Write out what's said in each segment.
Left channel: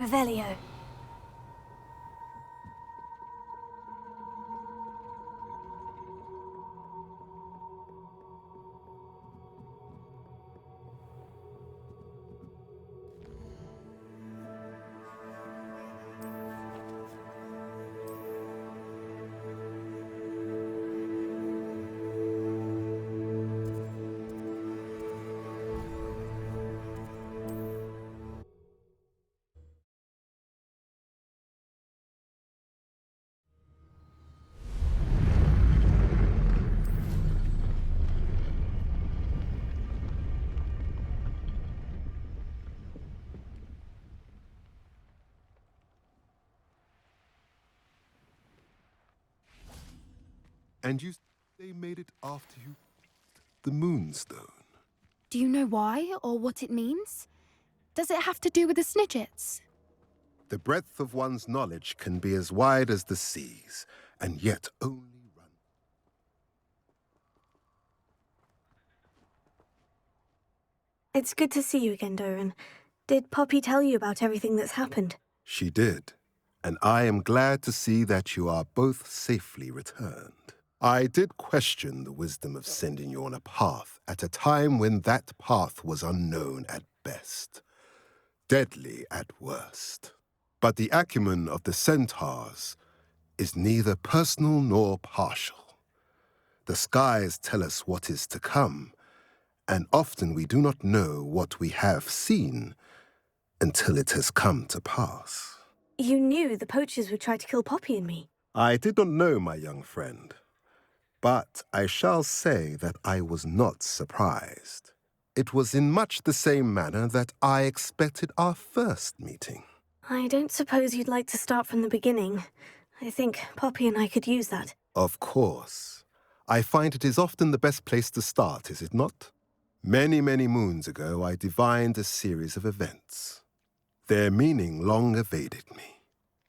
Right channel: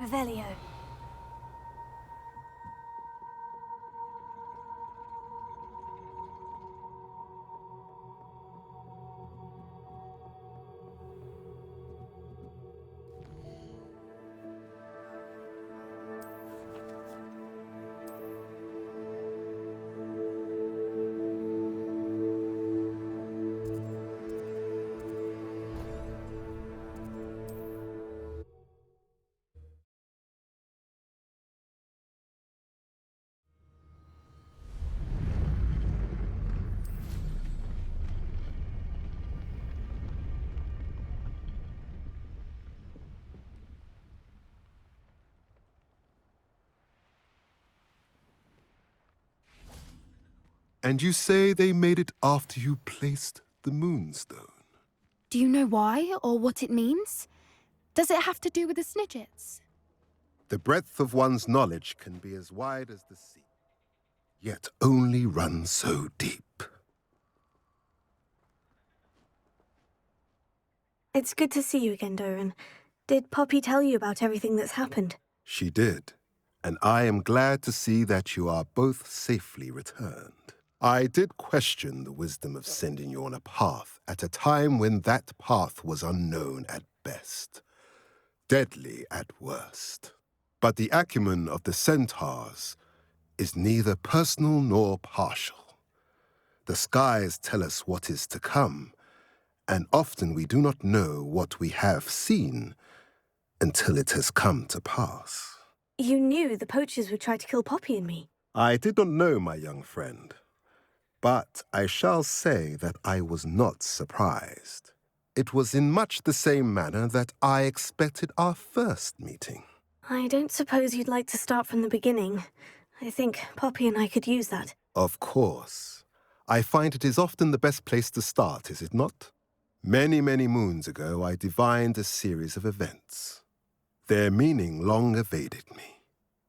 Revelio. And you say they made it after you placed the moonstone? Do you know why or what it means? Does it have to do with the Snidgets? The breadth of one's knowledge can be as wide as the seas, and yet only run so deep. It's good to see you again, Doran. Did Poppy tell you about everything that's happened? She did, and I am glad to see that you are both safely returned. I did question the wisdom of sending you on a path at a time when that path was unknown at best, deadly at worst. But the acumen of the centaurs is neither personal nor partial. The skies tell us what is to come, and often we do not know what we have seen until it has come to pass. You knew the poachers would try to kill Poppy and me. I did not know, my young friend, but I shall say that I was not surprised. It was in much the same manner that I expected our first meeting. I don't suppose you'd like to start from the beginning. I think Poppy and I could use that. Of course. I find it is often the best place to start, is it not? Many, many moons ago, I divined a series of events. Their meaning long evaded me,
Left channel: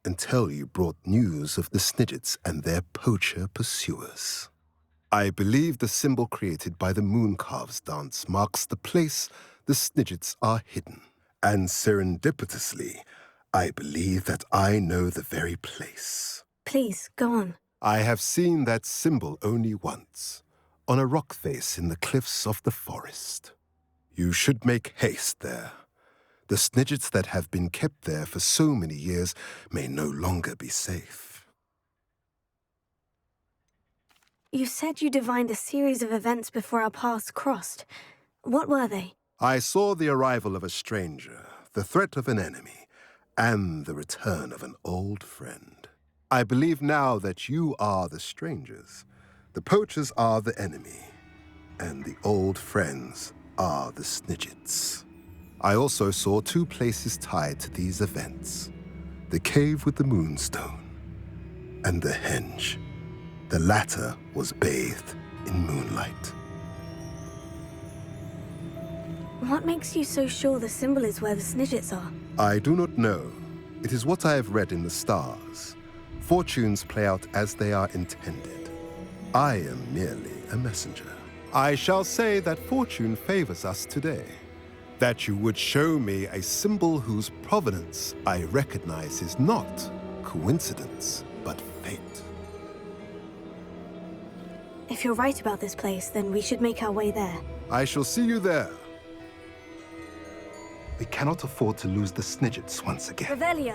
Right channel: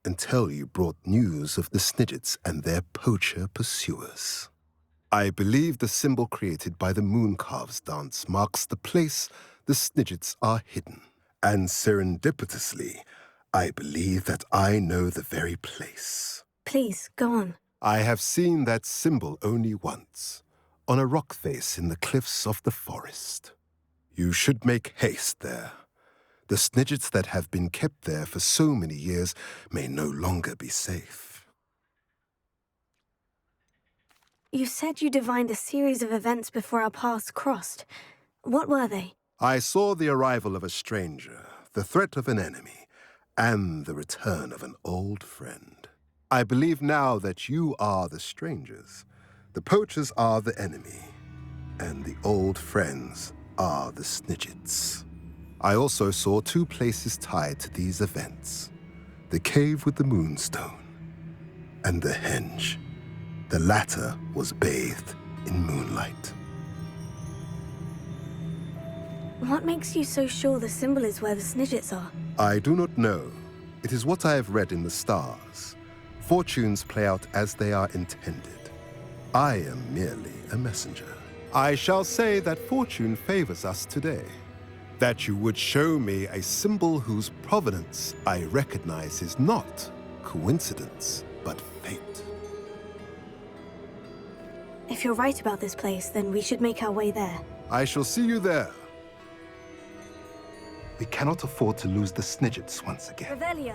until you brought news of the Snidgets and their poacher pursuers. I believe the symbol created by the Mooncalves dance marks the place the Snidgets are hidden. And serendipitously, I believe that I know the very place. Please, go on. I have seen that symbol only once, on a rock face in the cliffs of the forest. You should make haste there. The Snidgets that have been kept there for so many years may no longer be safe. You said you divined a series of events before our paths crossed. What were they? I saw the arrival of a stranger, the threat of an enemy, and the return of an old friend. I believe now that you are the strangers. The poachers are the enemy, and the old friends are the Snidgets. I also saw two places tied to these events: the cave with the moonstone and the henge. The latter was bathed in moonlight. What makes you so sure the symbol is where the Snidgets are? I do not know. It is what I have read in the stars. Fortunes play out as they are intended. I am merely a messenger. I shall say that fortune favors us today. That you would show me a symbol whose provenance I recognize is not coincidence, but fate. If you're right about this place, then we should make our way there. I shall see you there. We cannot afford to lose the Snidgets once again. Revelio.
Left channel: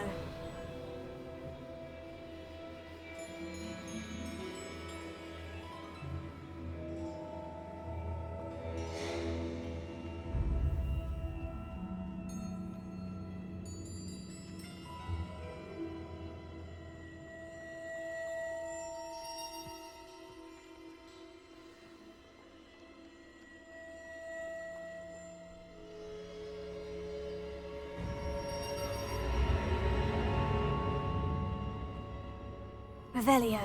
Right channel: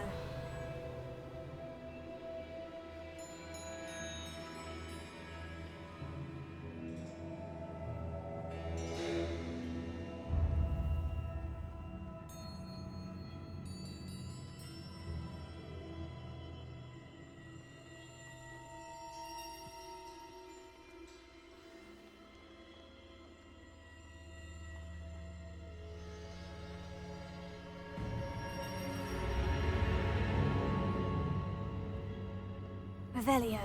Revelio.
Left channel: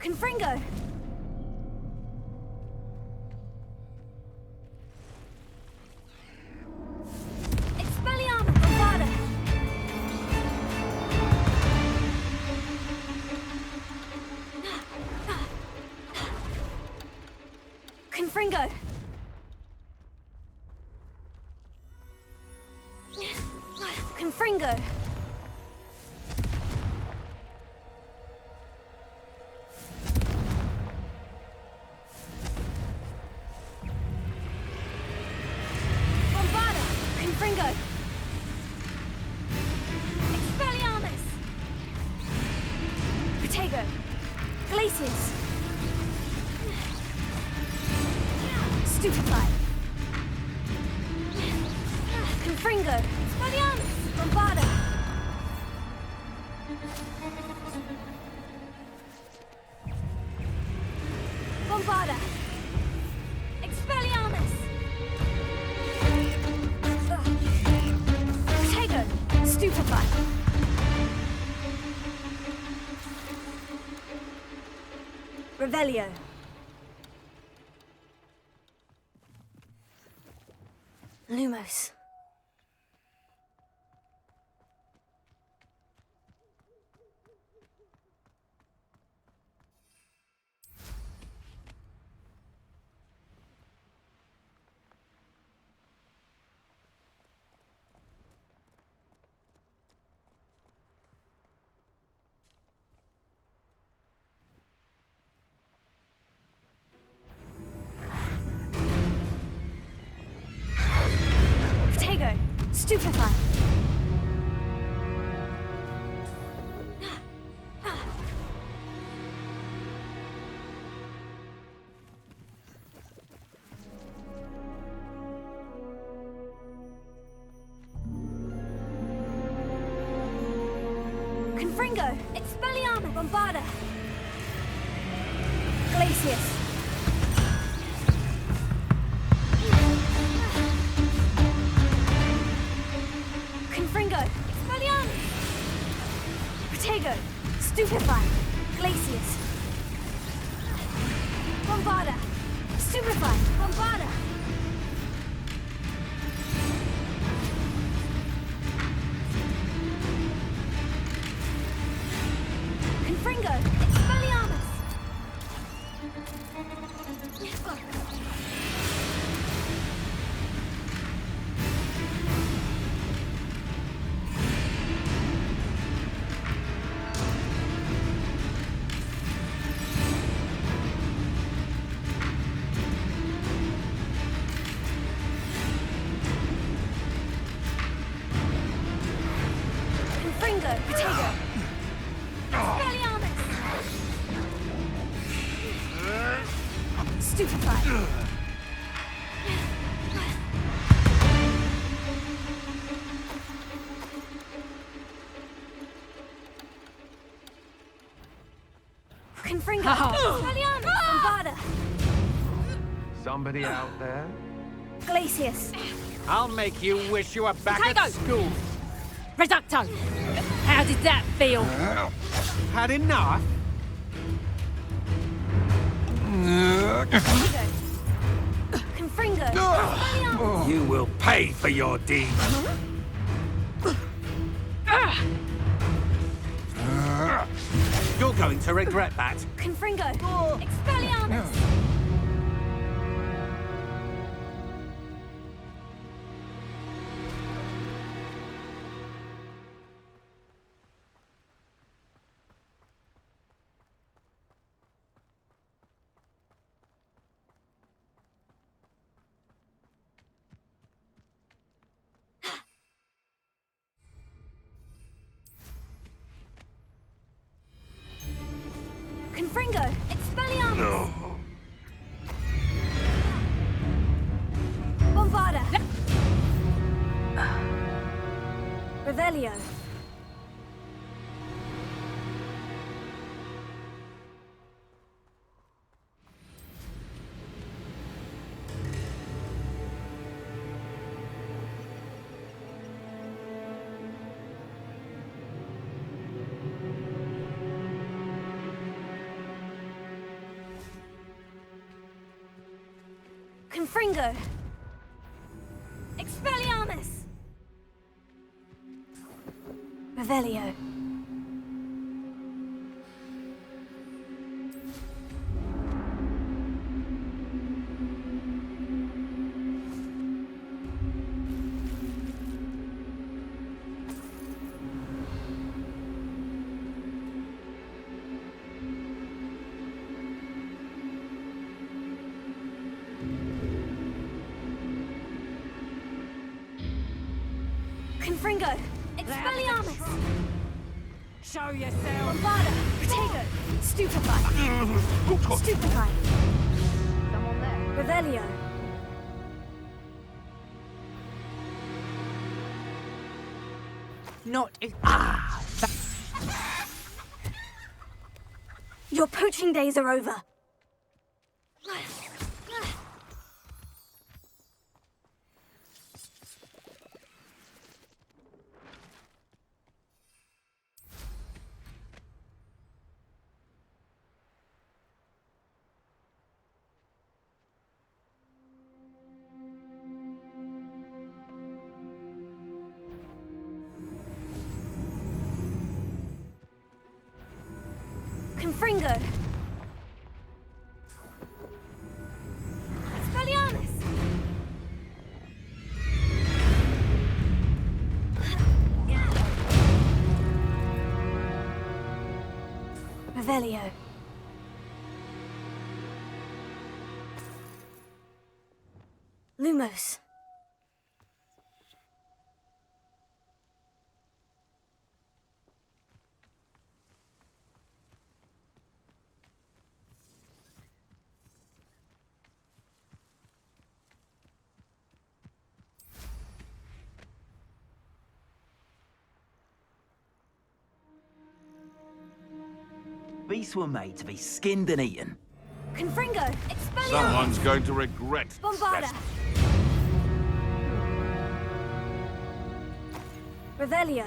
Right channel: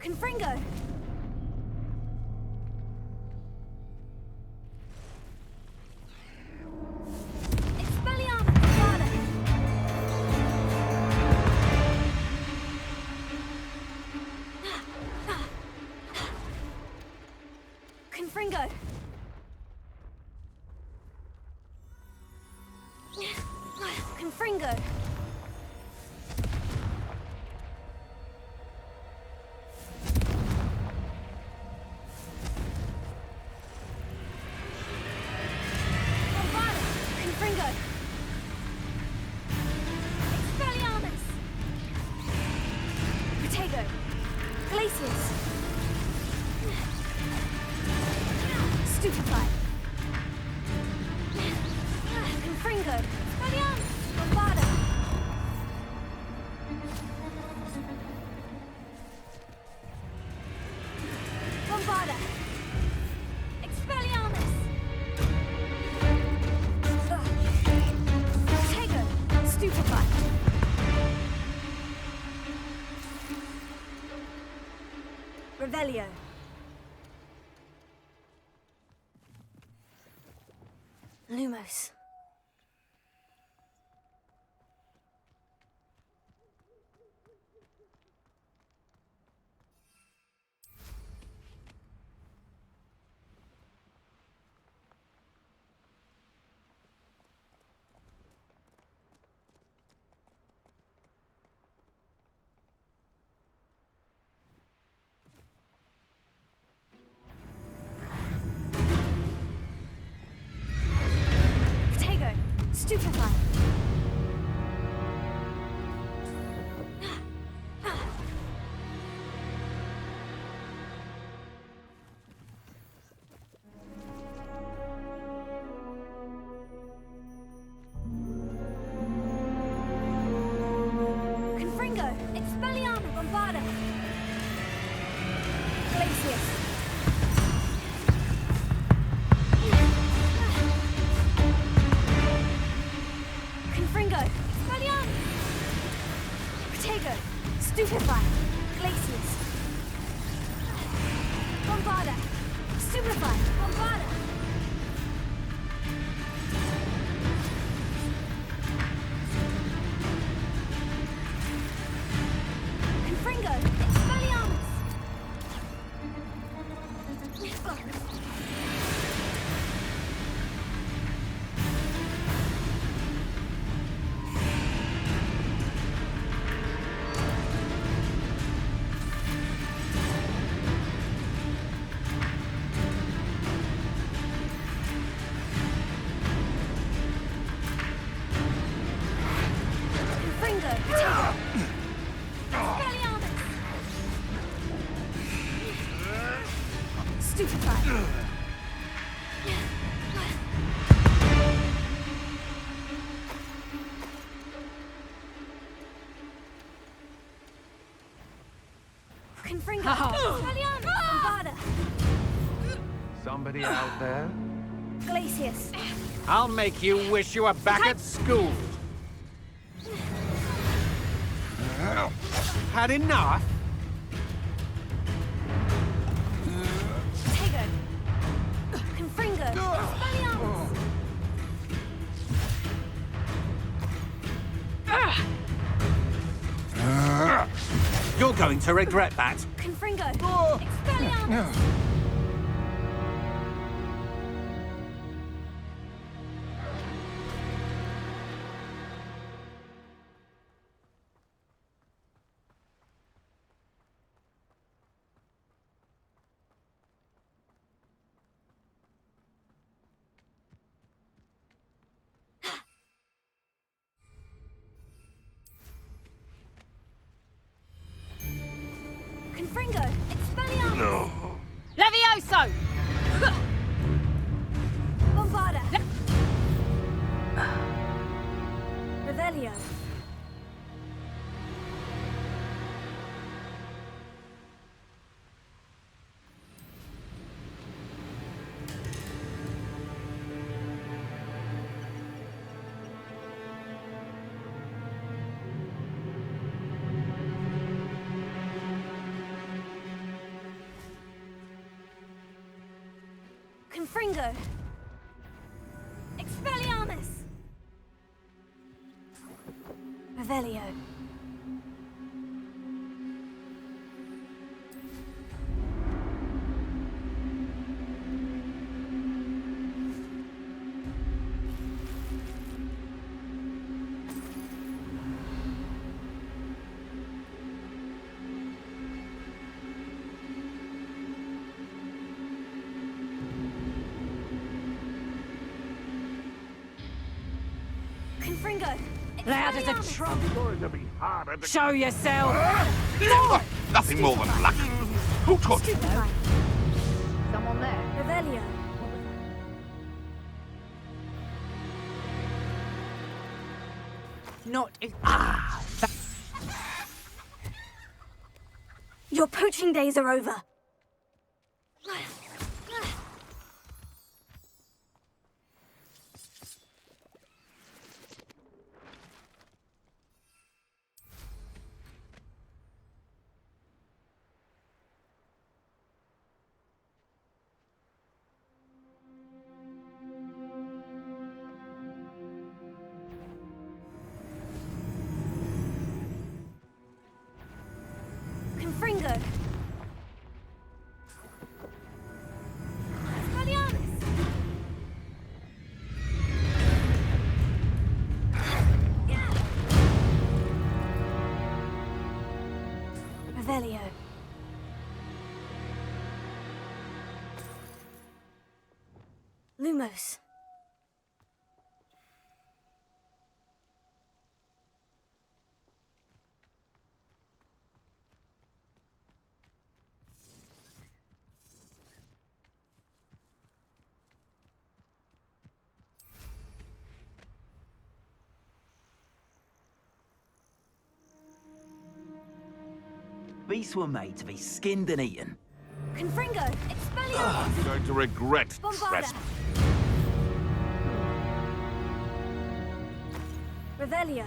Confringo! Expelliarmus! Bombarda! Confringo! Confringo! Bombarda! Confringo! Expelliarmus! Protego! Glacius! Stupefy! Confringo! Expelliarmus! Bombarda! Bombarda! Expelliarmus! Protego! Stupefy! Revelio! Lumos. Protego! Stupefy! Confringo! Expelliarmus! Bombarda! Glacius! Confringo! Expelliarmus! Protego! Stupefy! Glacius! Bombarda! Stupefy! Bombarda! Confringo! Expelliarmus! Confringo! Protego! Expelliarmus! Stupefy! Confringo! Expelliarmus! Bombarda! Somebody out there? Glacius! I'll make you wish you were back at Potato! school. Reducto! How did that feel? Had enough? Protego! Confringo! Expelliarmus! You will pay for your deed. You're going to regret that. Confringo! Expelliarmus! Confringo! Expelliarmus! Levioso! Bombarda! Revelio! Confringo! Expelliarmus! Revelio. Confringo! Loud as a Expelliarmus! trump. Show yourself. Nothing more than lucky. Who taught you? Stupefy. Someone there. Revelio. Not if. Your poaching days are over. Confringo. Expelliarmus. Revelio. Lumos. Beasts were made to be skinned and eaten. Confringo. Expelliarmus. Someone's going to regret Bombarda. trespassing. Revelio.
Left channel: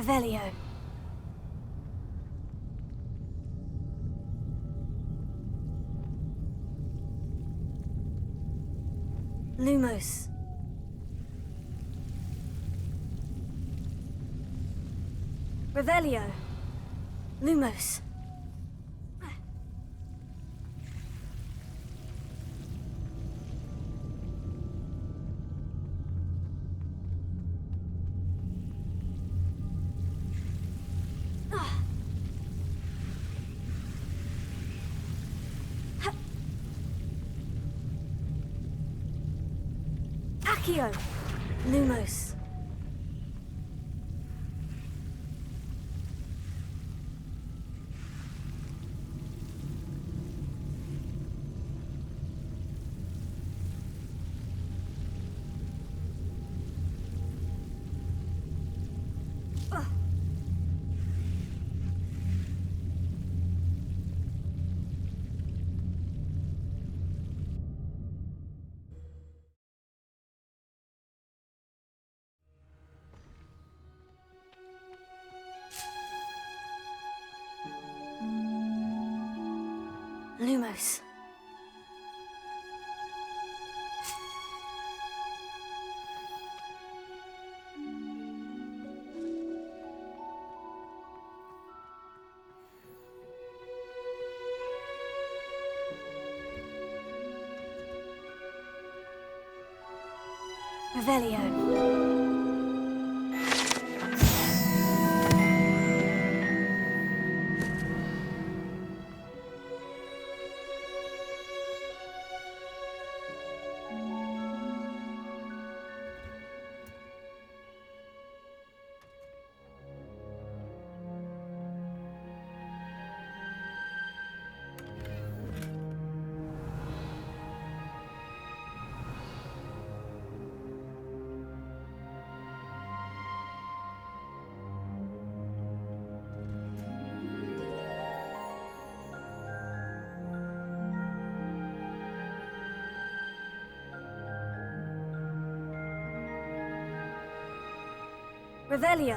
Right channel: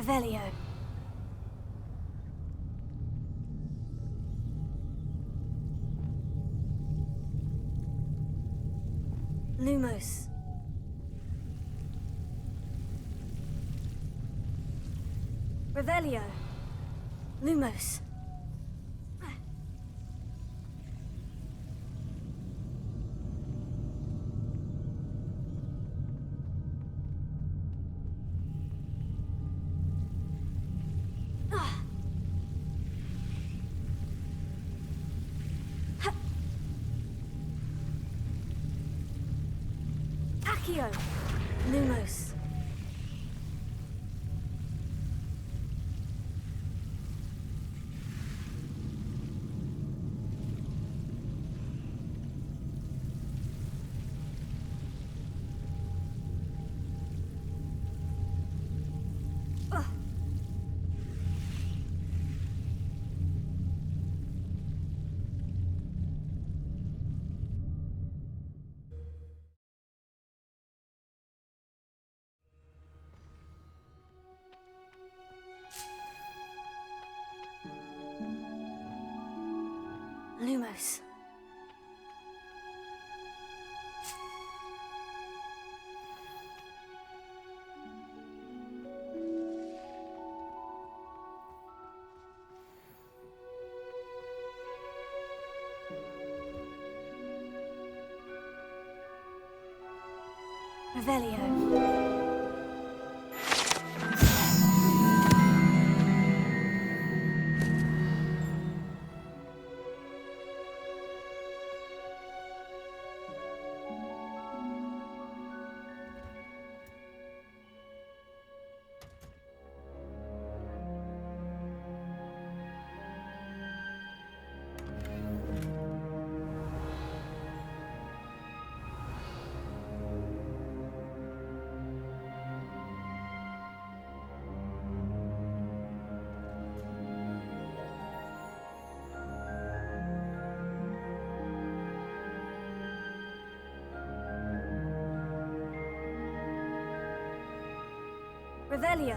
Revelio. Lumos. Revelio. Lumos. Accio. Lumos. Lumos. Revelio. Revelio.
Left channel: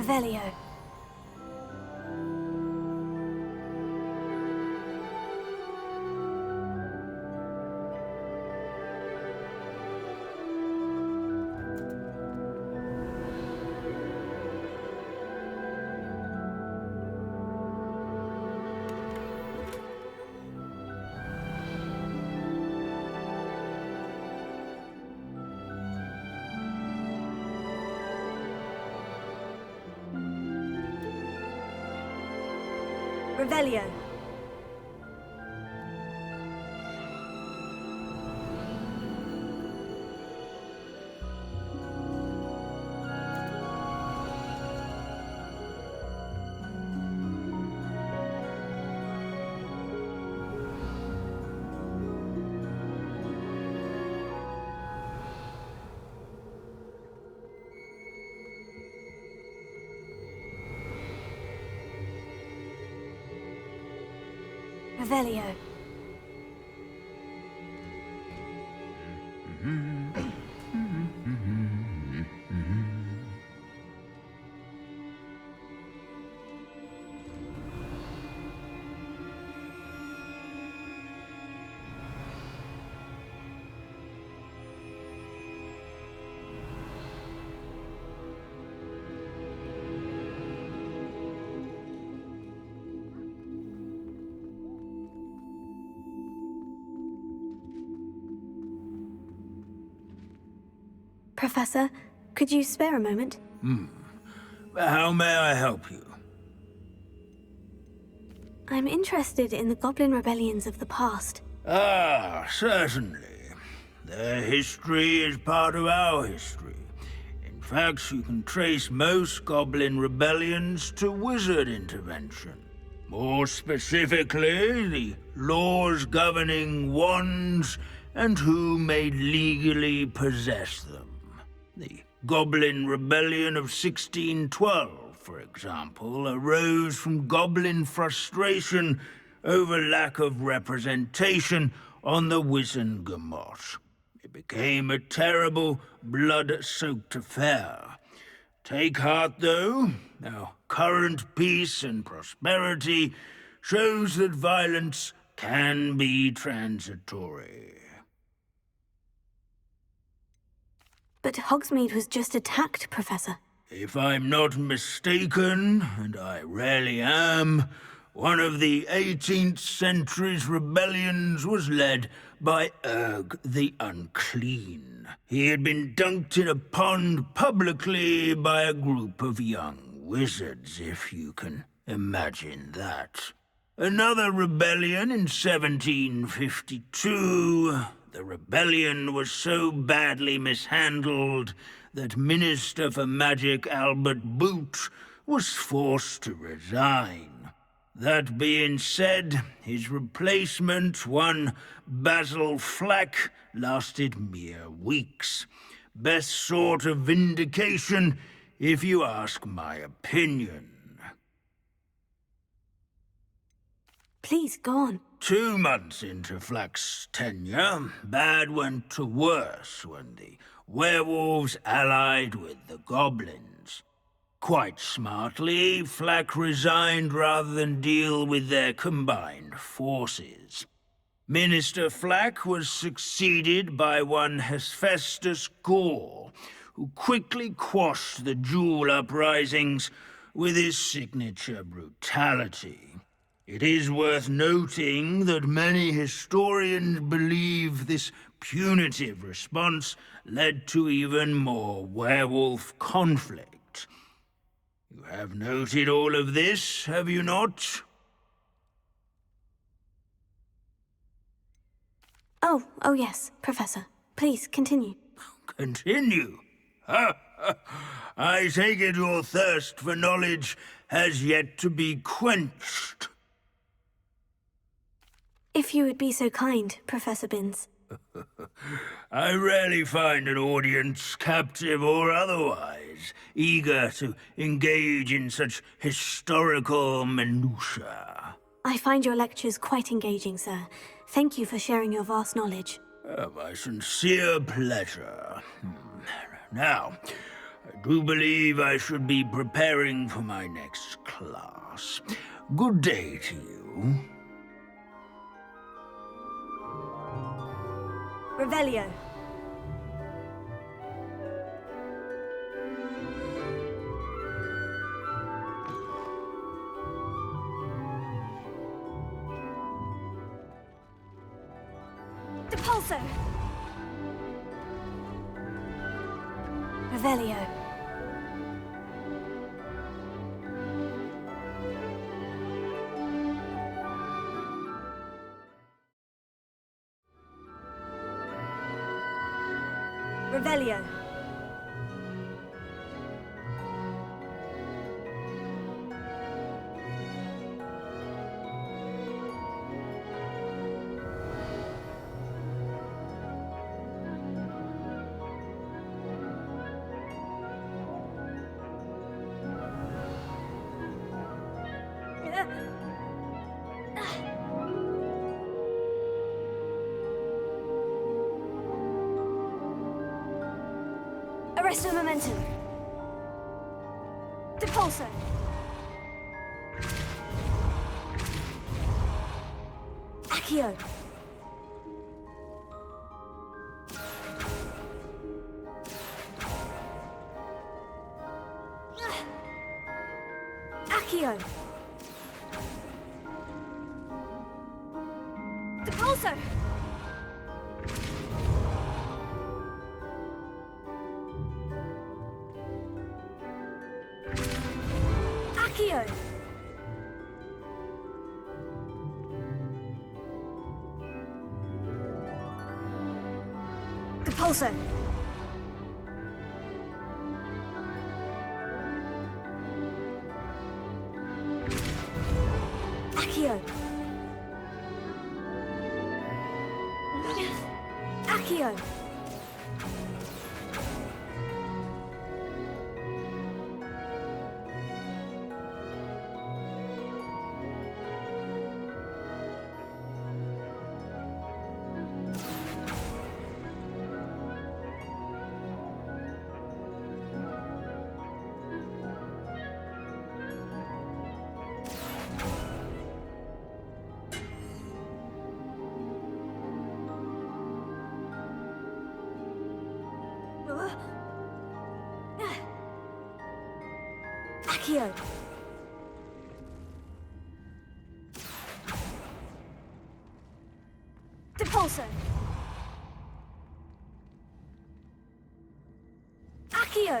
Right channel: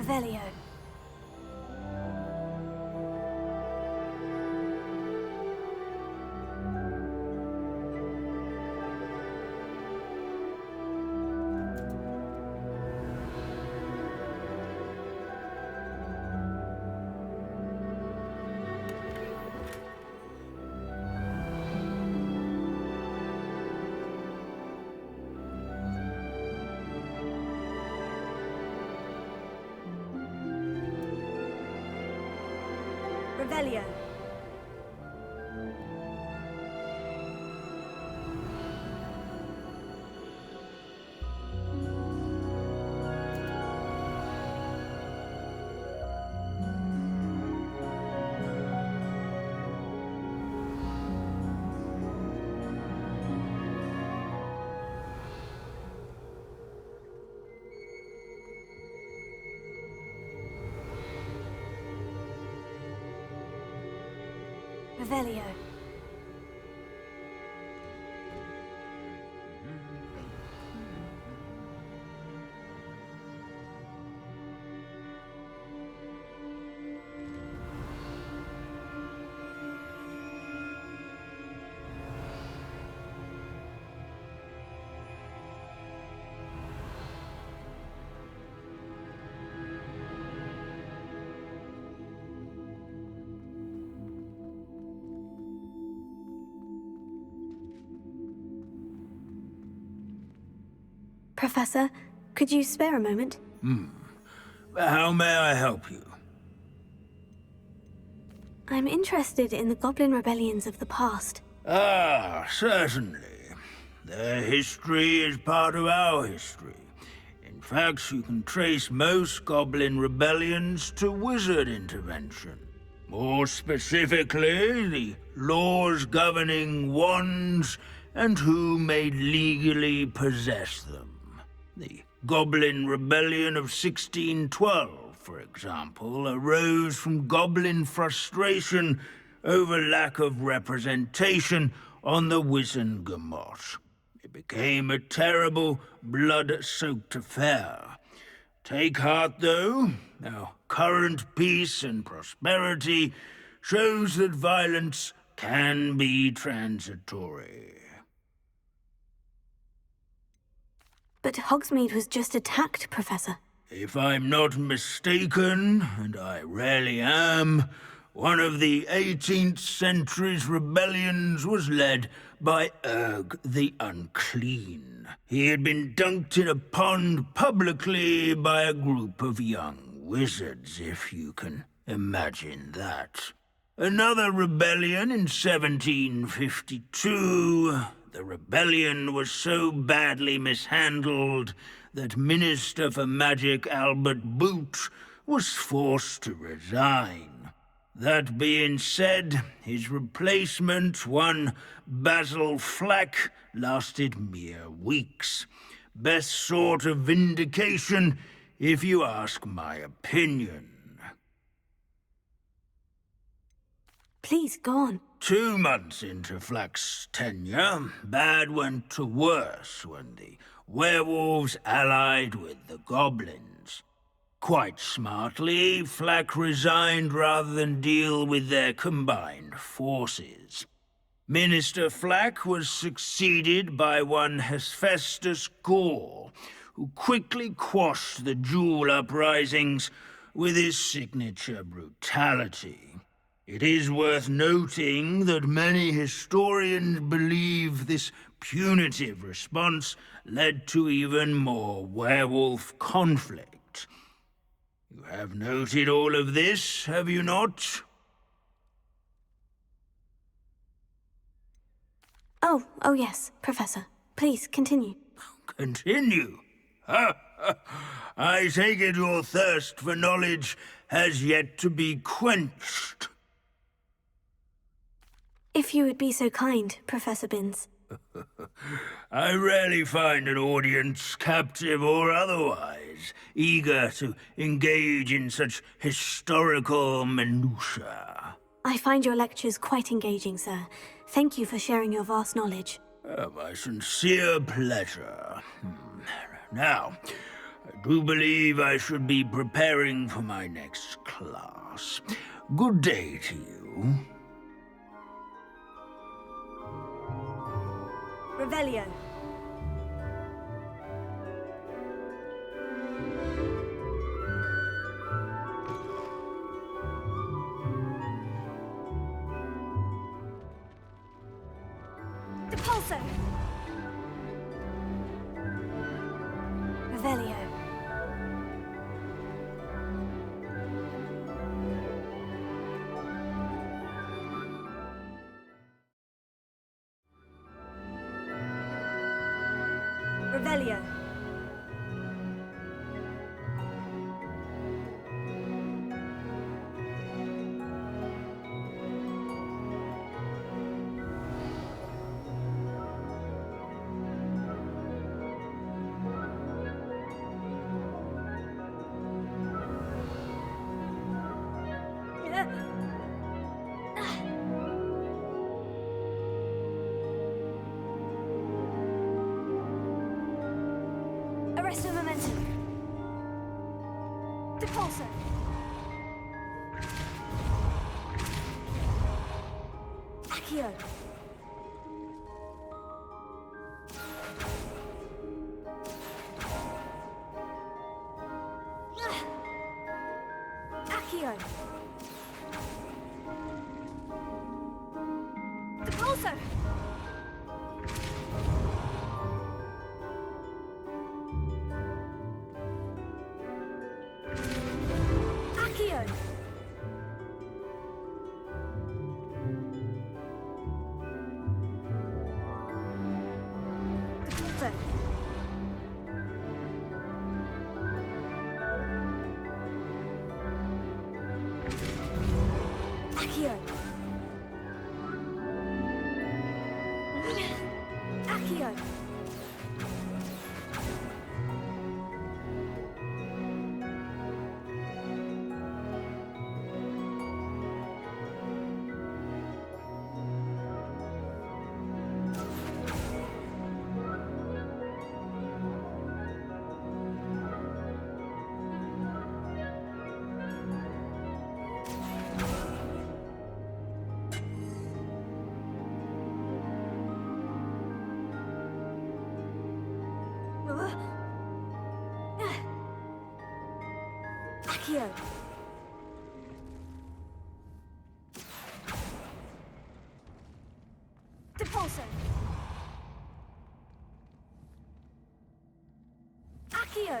Revelio. Revelio. Revelio. Professor, could you spare a moment? How may I help you? I'm interested in the Goblin rebellions of the past. Ah, certainly. Their history is part of our history. In fact, you can trace most Goblin rebellions to wizard intervention. More specifically, the laws governing wands and who may legally possess them. The Goblin Rebellion of 1612, for example, arose from Goblin frustration over lack of representation on the Wizengamot. It became a terrible, blood-soaked affair. Take heart, though. Our current peace and prosperity shows that violence can be transitory. But Hogsmeade was just attacked, Professor. If I'm not mistaken, and I rarely am, one of the 18th century's rebellions was led by Urg the Unclean. He had been dunked in a pond publicly by a group of young wizards, if you can imagine that. Another rebellion in 1752... The rebellion was so badly mishandled that Minister for Magic Albert Boot was forced to resign. That being said, his replacement, one Basil Flack, lasted mere weeks. Best sort of vindication, if you ask my opinion. Please, go on. 2 months into Flack's tenure, bad went to worse when the werewolves allied with the goblins. Quite smartly, Flack resigned rather than deal with their combined forces. Minister Flack was succeeded by one Hephaestus Gore, who quickly quashed the Jewel uprisings with his signature brutality. It is worth noting that many historians believe this punitive response led to even more werewolf conflict. You have noted all of this, have you not? Oh yes, Professor. Please, continue. Continue? I take it your thirst for knowledge has yet to be quenched. If you would be so kind, Professor Binns. I rarely find an audience, captive or otherwise, eager to engage in such historical minutiae. I find your lectures quite engaging, sir. Thank you for sharing your vast knowledge. My sincere pleasure. Now, I do believe I should be preparing for my next class. Good day to you. Revelio. Depulso. Revelio. Revelio. Arresto momentum. Depulso. Accio. Accio. Depulso. Accio. Depulso. Accio. Accio. Accio. Depulso. Accio.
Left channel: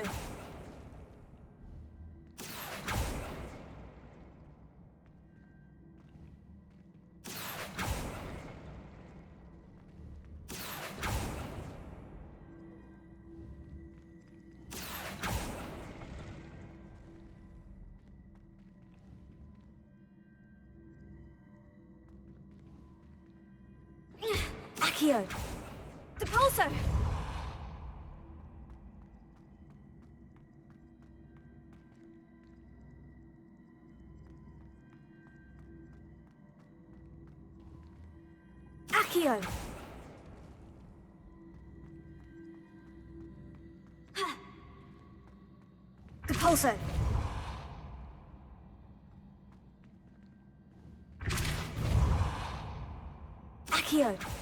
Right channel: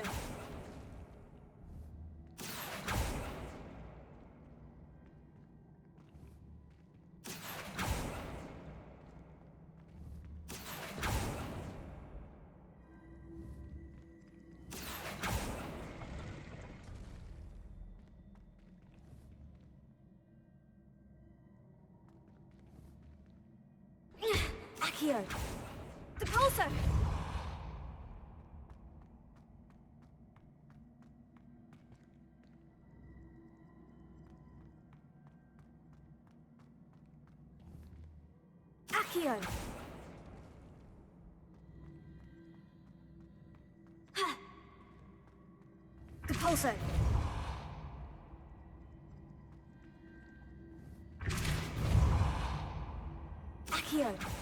Accio! Depulso! Accio! Depulso! Accio!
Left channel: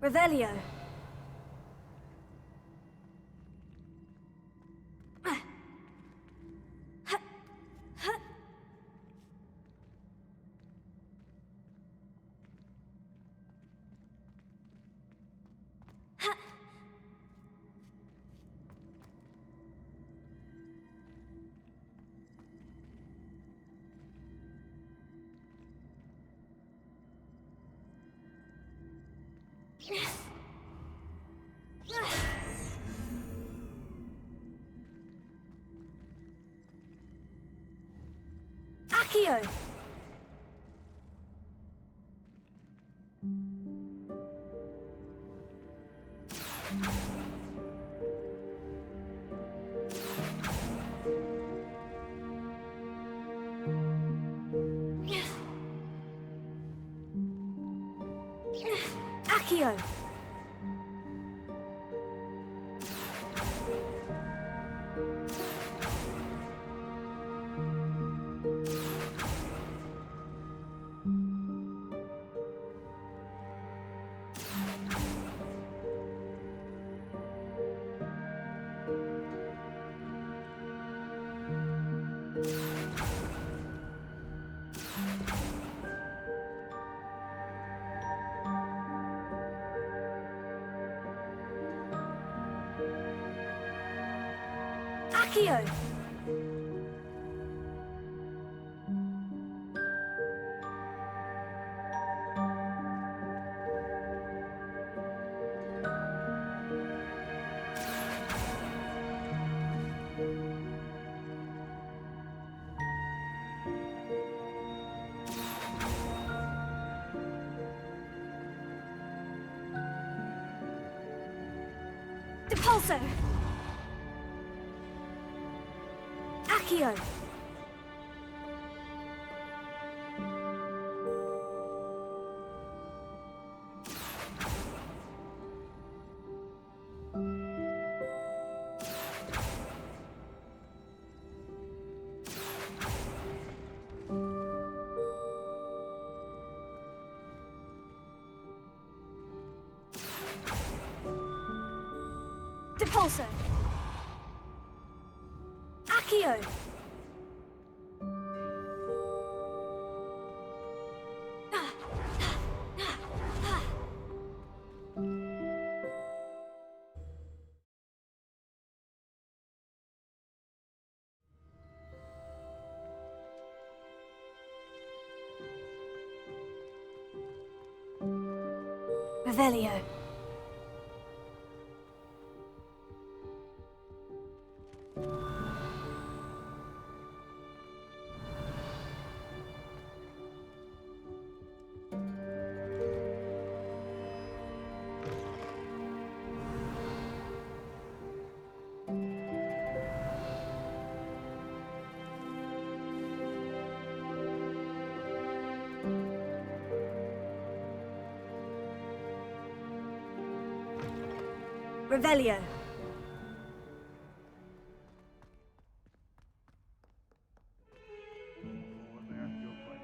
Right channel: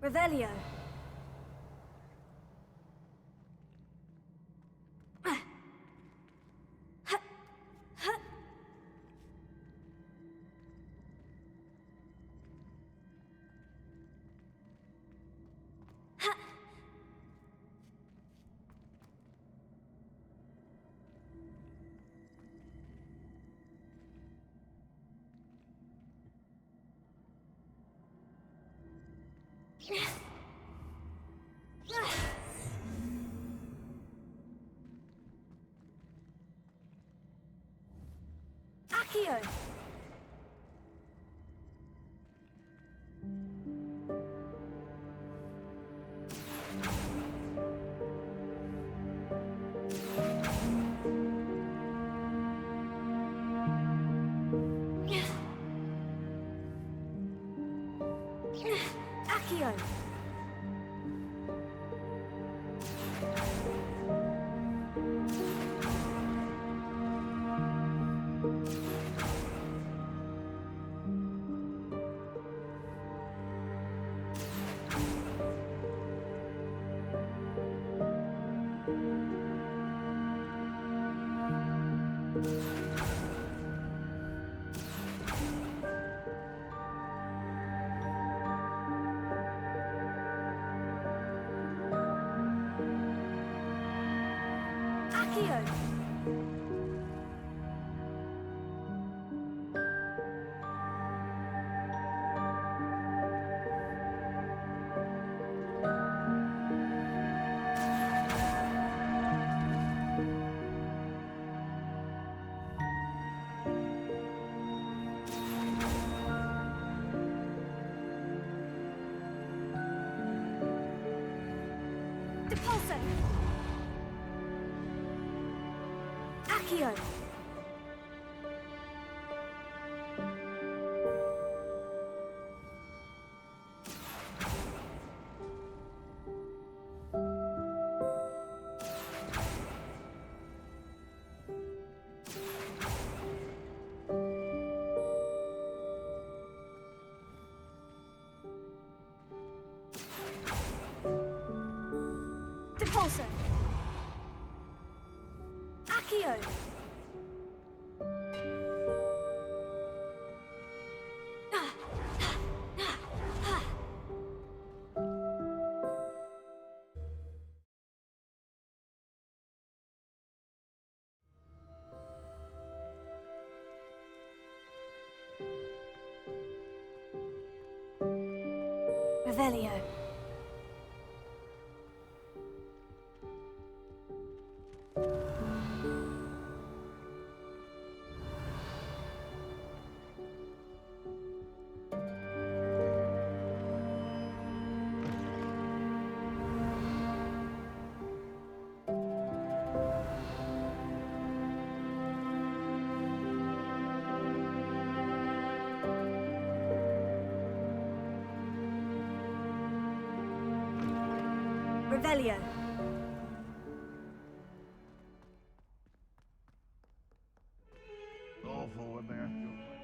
Revelio. Accio! Accio! Accio! Depulso! Accio! Depulso! Accio! Revelio. Revelio. Go forward there. You're fine.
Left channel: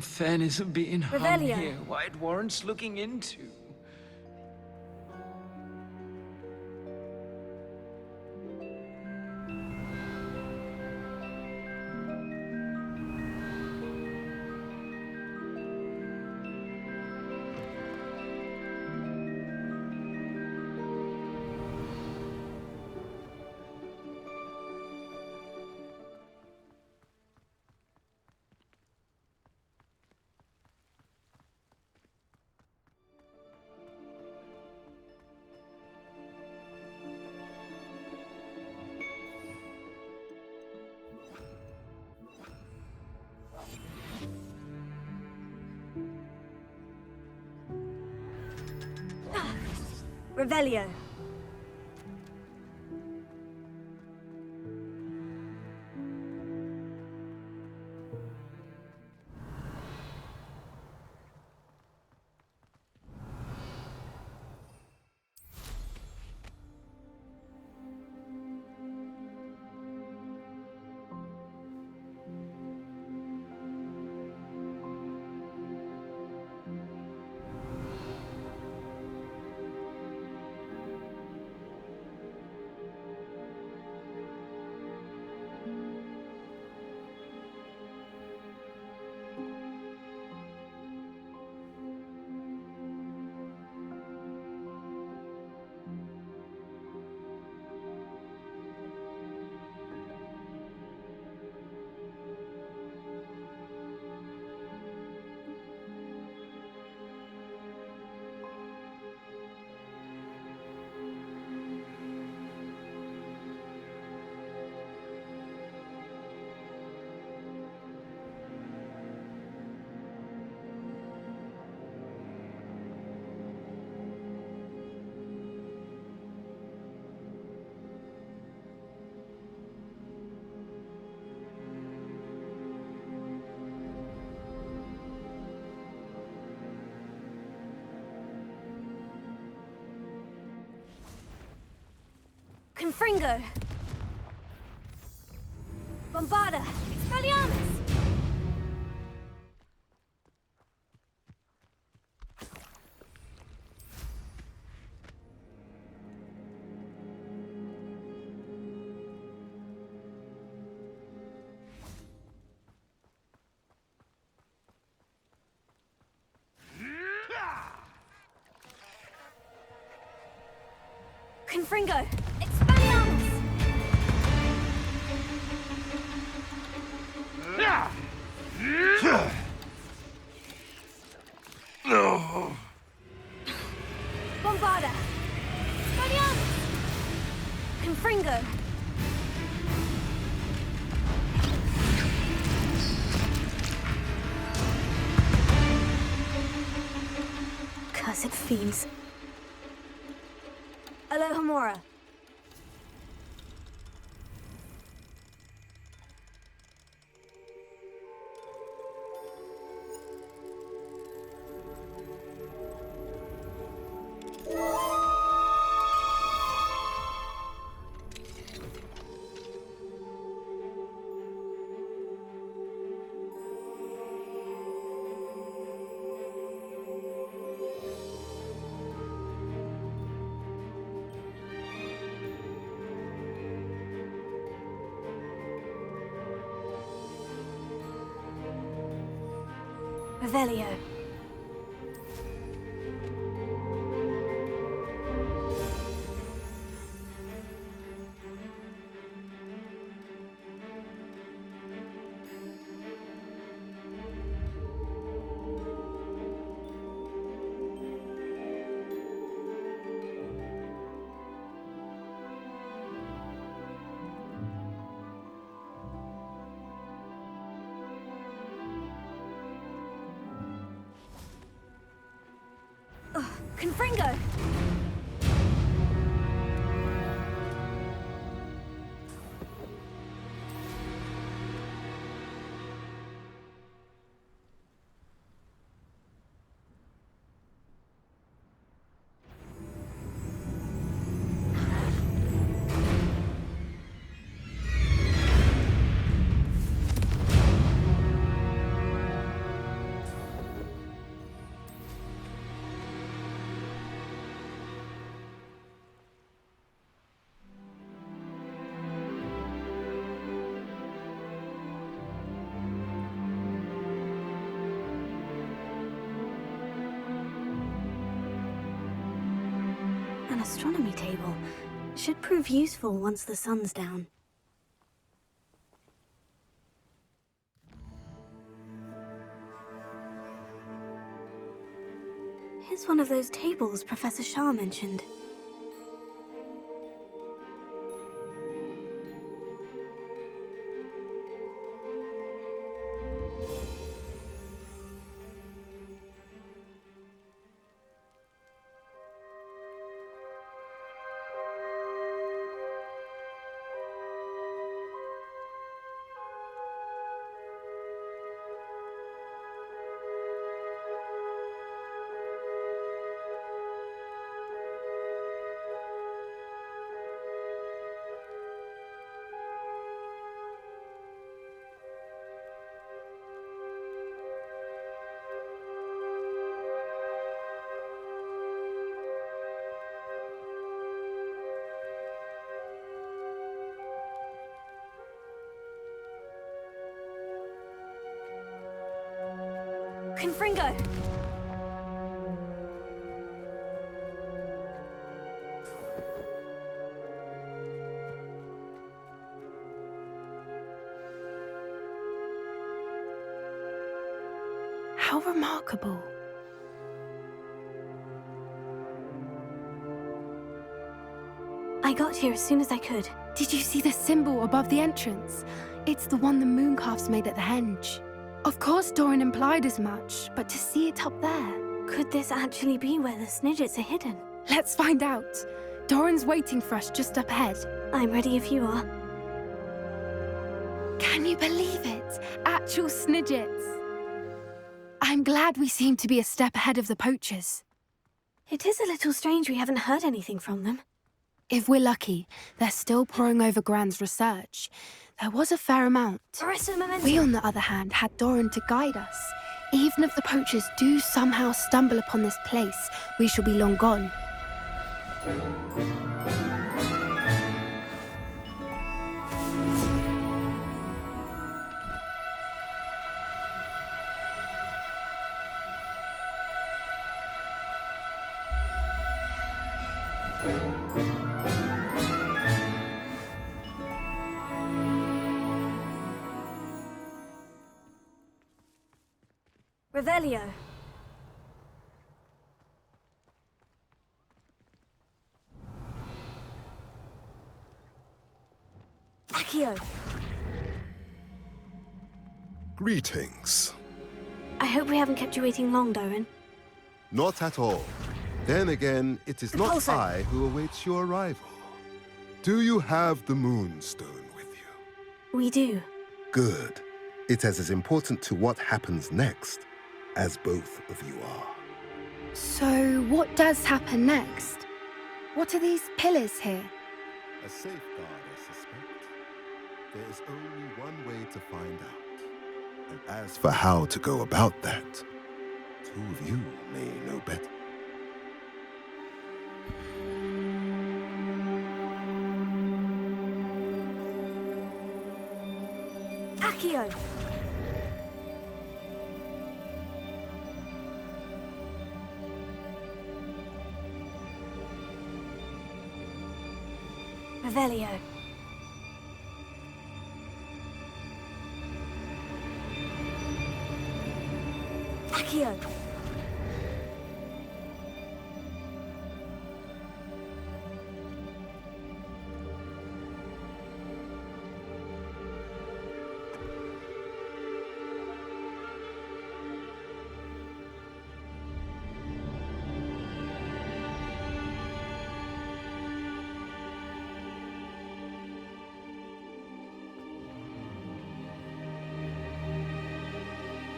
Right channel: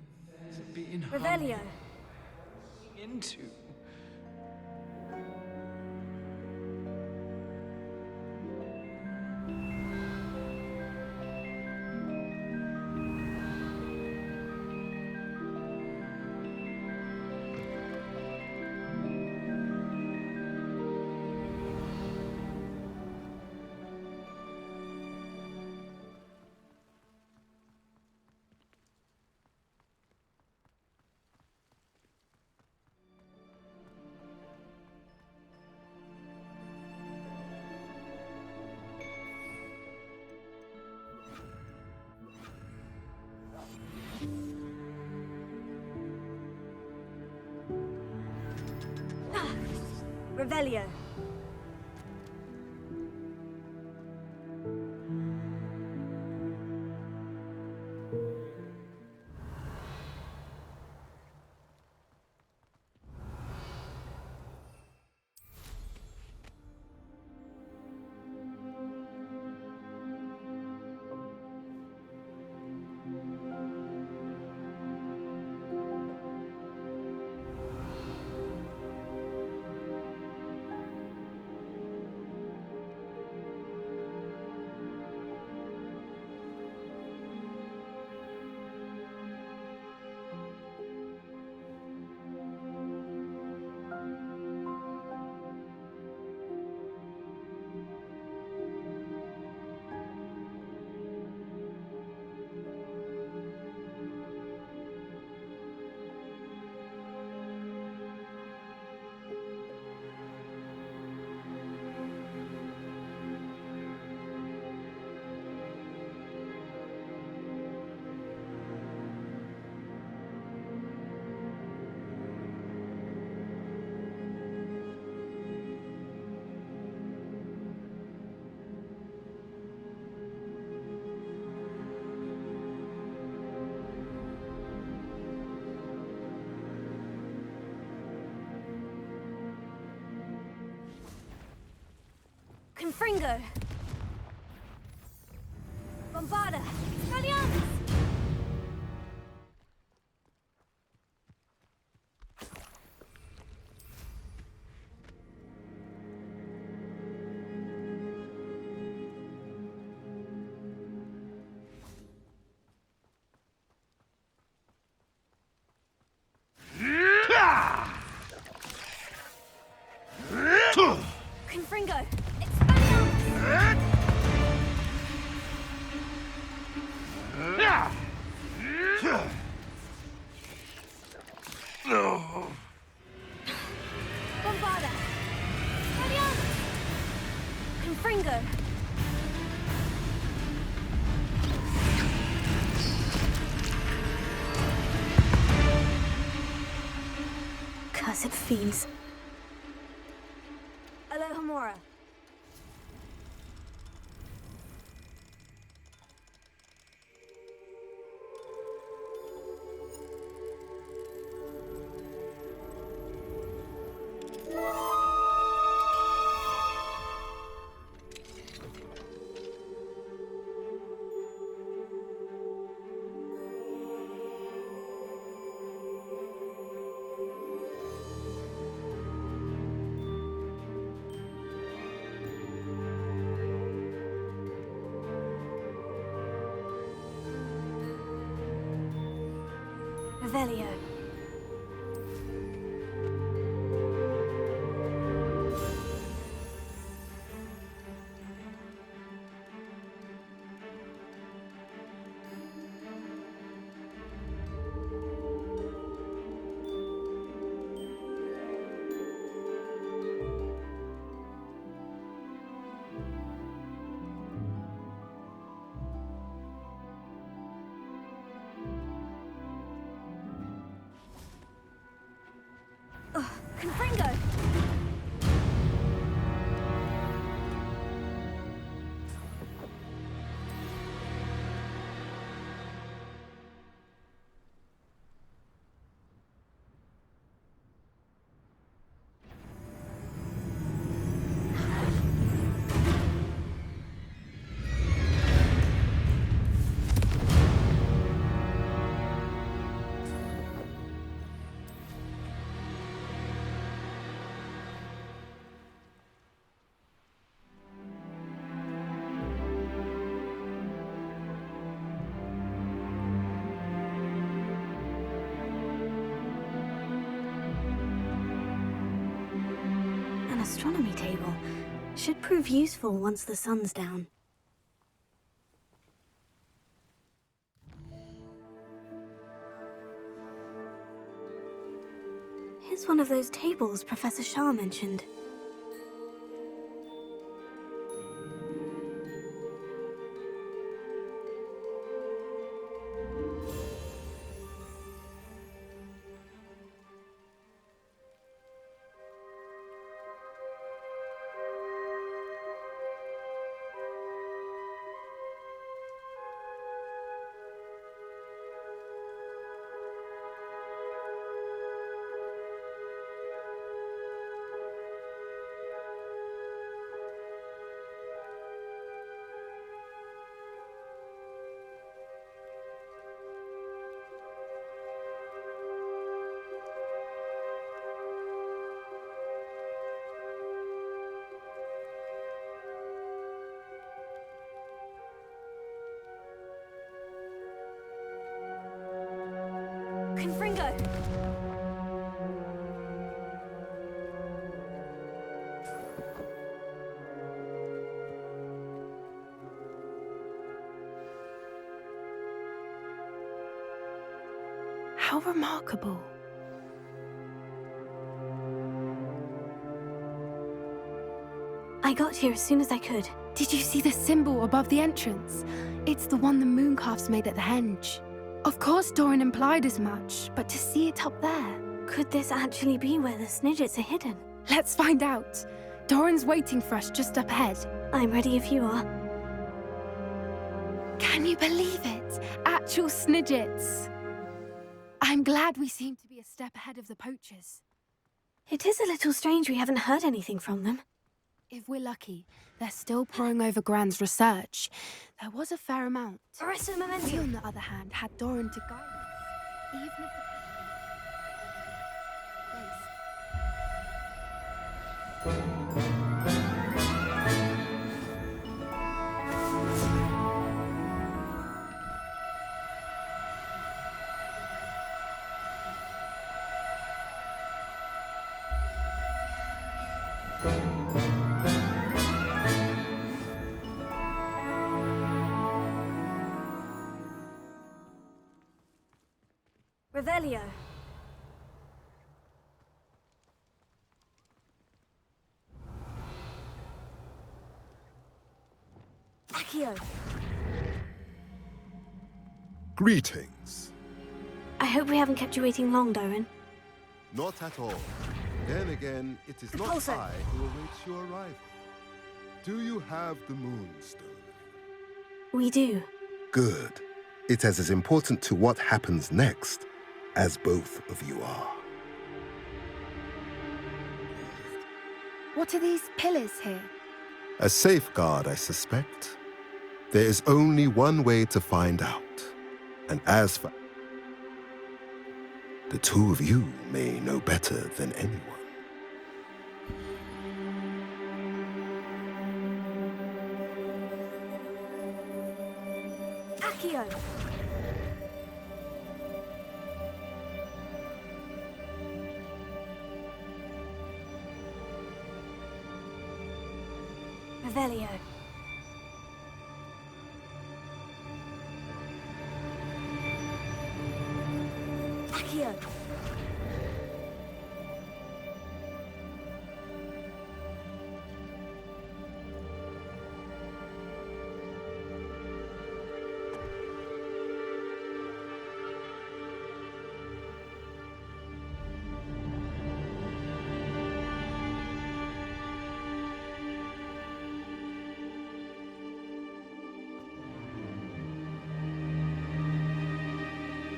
Fairness of being hung Revelio. here, why it warrants looking into. Revelio. Confringo! Bombarda! Expelliarmus! Confringo! Expelliarmus! Bombarda! Expelliarmus! Confringo! Cursed fiends. Alohomora. Revelio. Confringo! An astronomy table. Should prove useful once the sun's down. Here's one of those tables Professor Shah mentioned. Confringo! How remarkable. I got here as soon as I could. Did you see the symbol above the entrance? It's the one the mooncalfs made at the henge. Of course Doran implied as much, but to see it up there... Could this actually be where the Snidgets are hidden? Let's find out. Doran's waiting for us just up ahead. I'm ready if you are. Can you believe it? Actual Snidgets. I'm glad we seem to be a step ahead of the poachers. It is a little strange we haven't heard anything from them. If we're lucky, they're still poring over Gran's research. There was a fair amount. We, on the other hand, had Doran to guide us. Even if the poachers do somehow stumble upon this place, we shall be long gone. Revelio. Accio. Greetings. I hope we haven't kept you waiting long, Doran. Not at all. Then again, it is not Repulsor. I who awaits your arrival. Do you have the Moonstone with you? We do. Good. It is as important to what happens next as both of you are. So, what does happen next? What are these pillars here? A safeguard, I suspect. There is only one way to find out. And as for how to go about that, the two of you may know better than anyone. Accio. Revelio. Accio.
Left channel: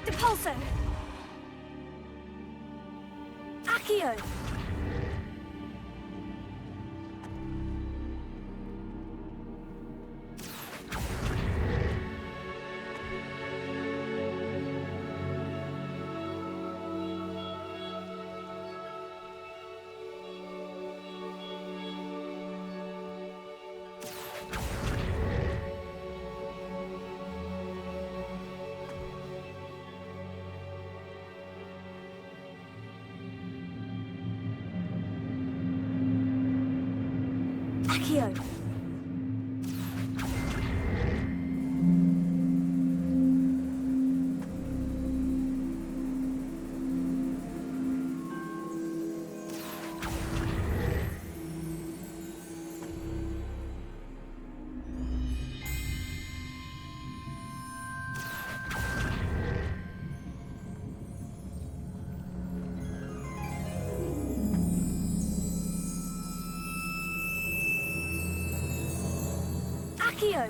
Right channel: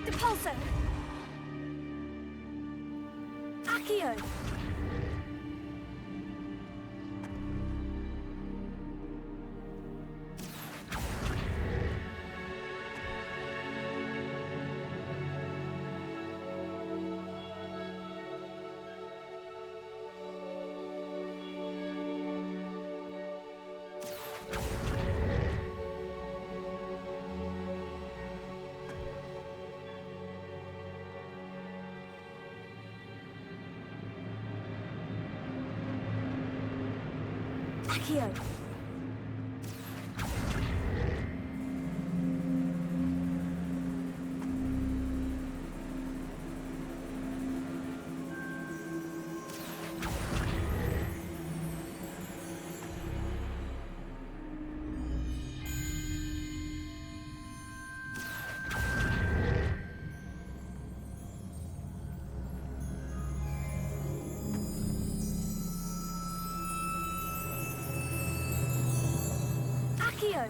Depulso. Accio. Accio. Accio.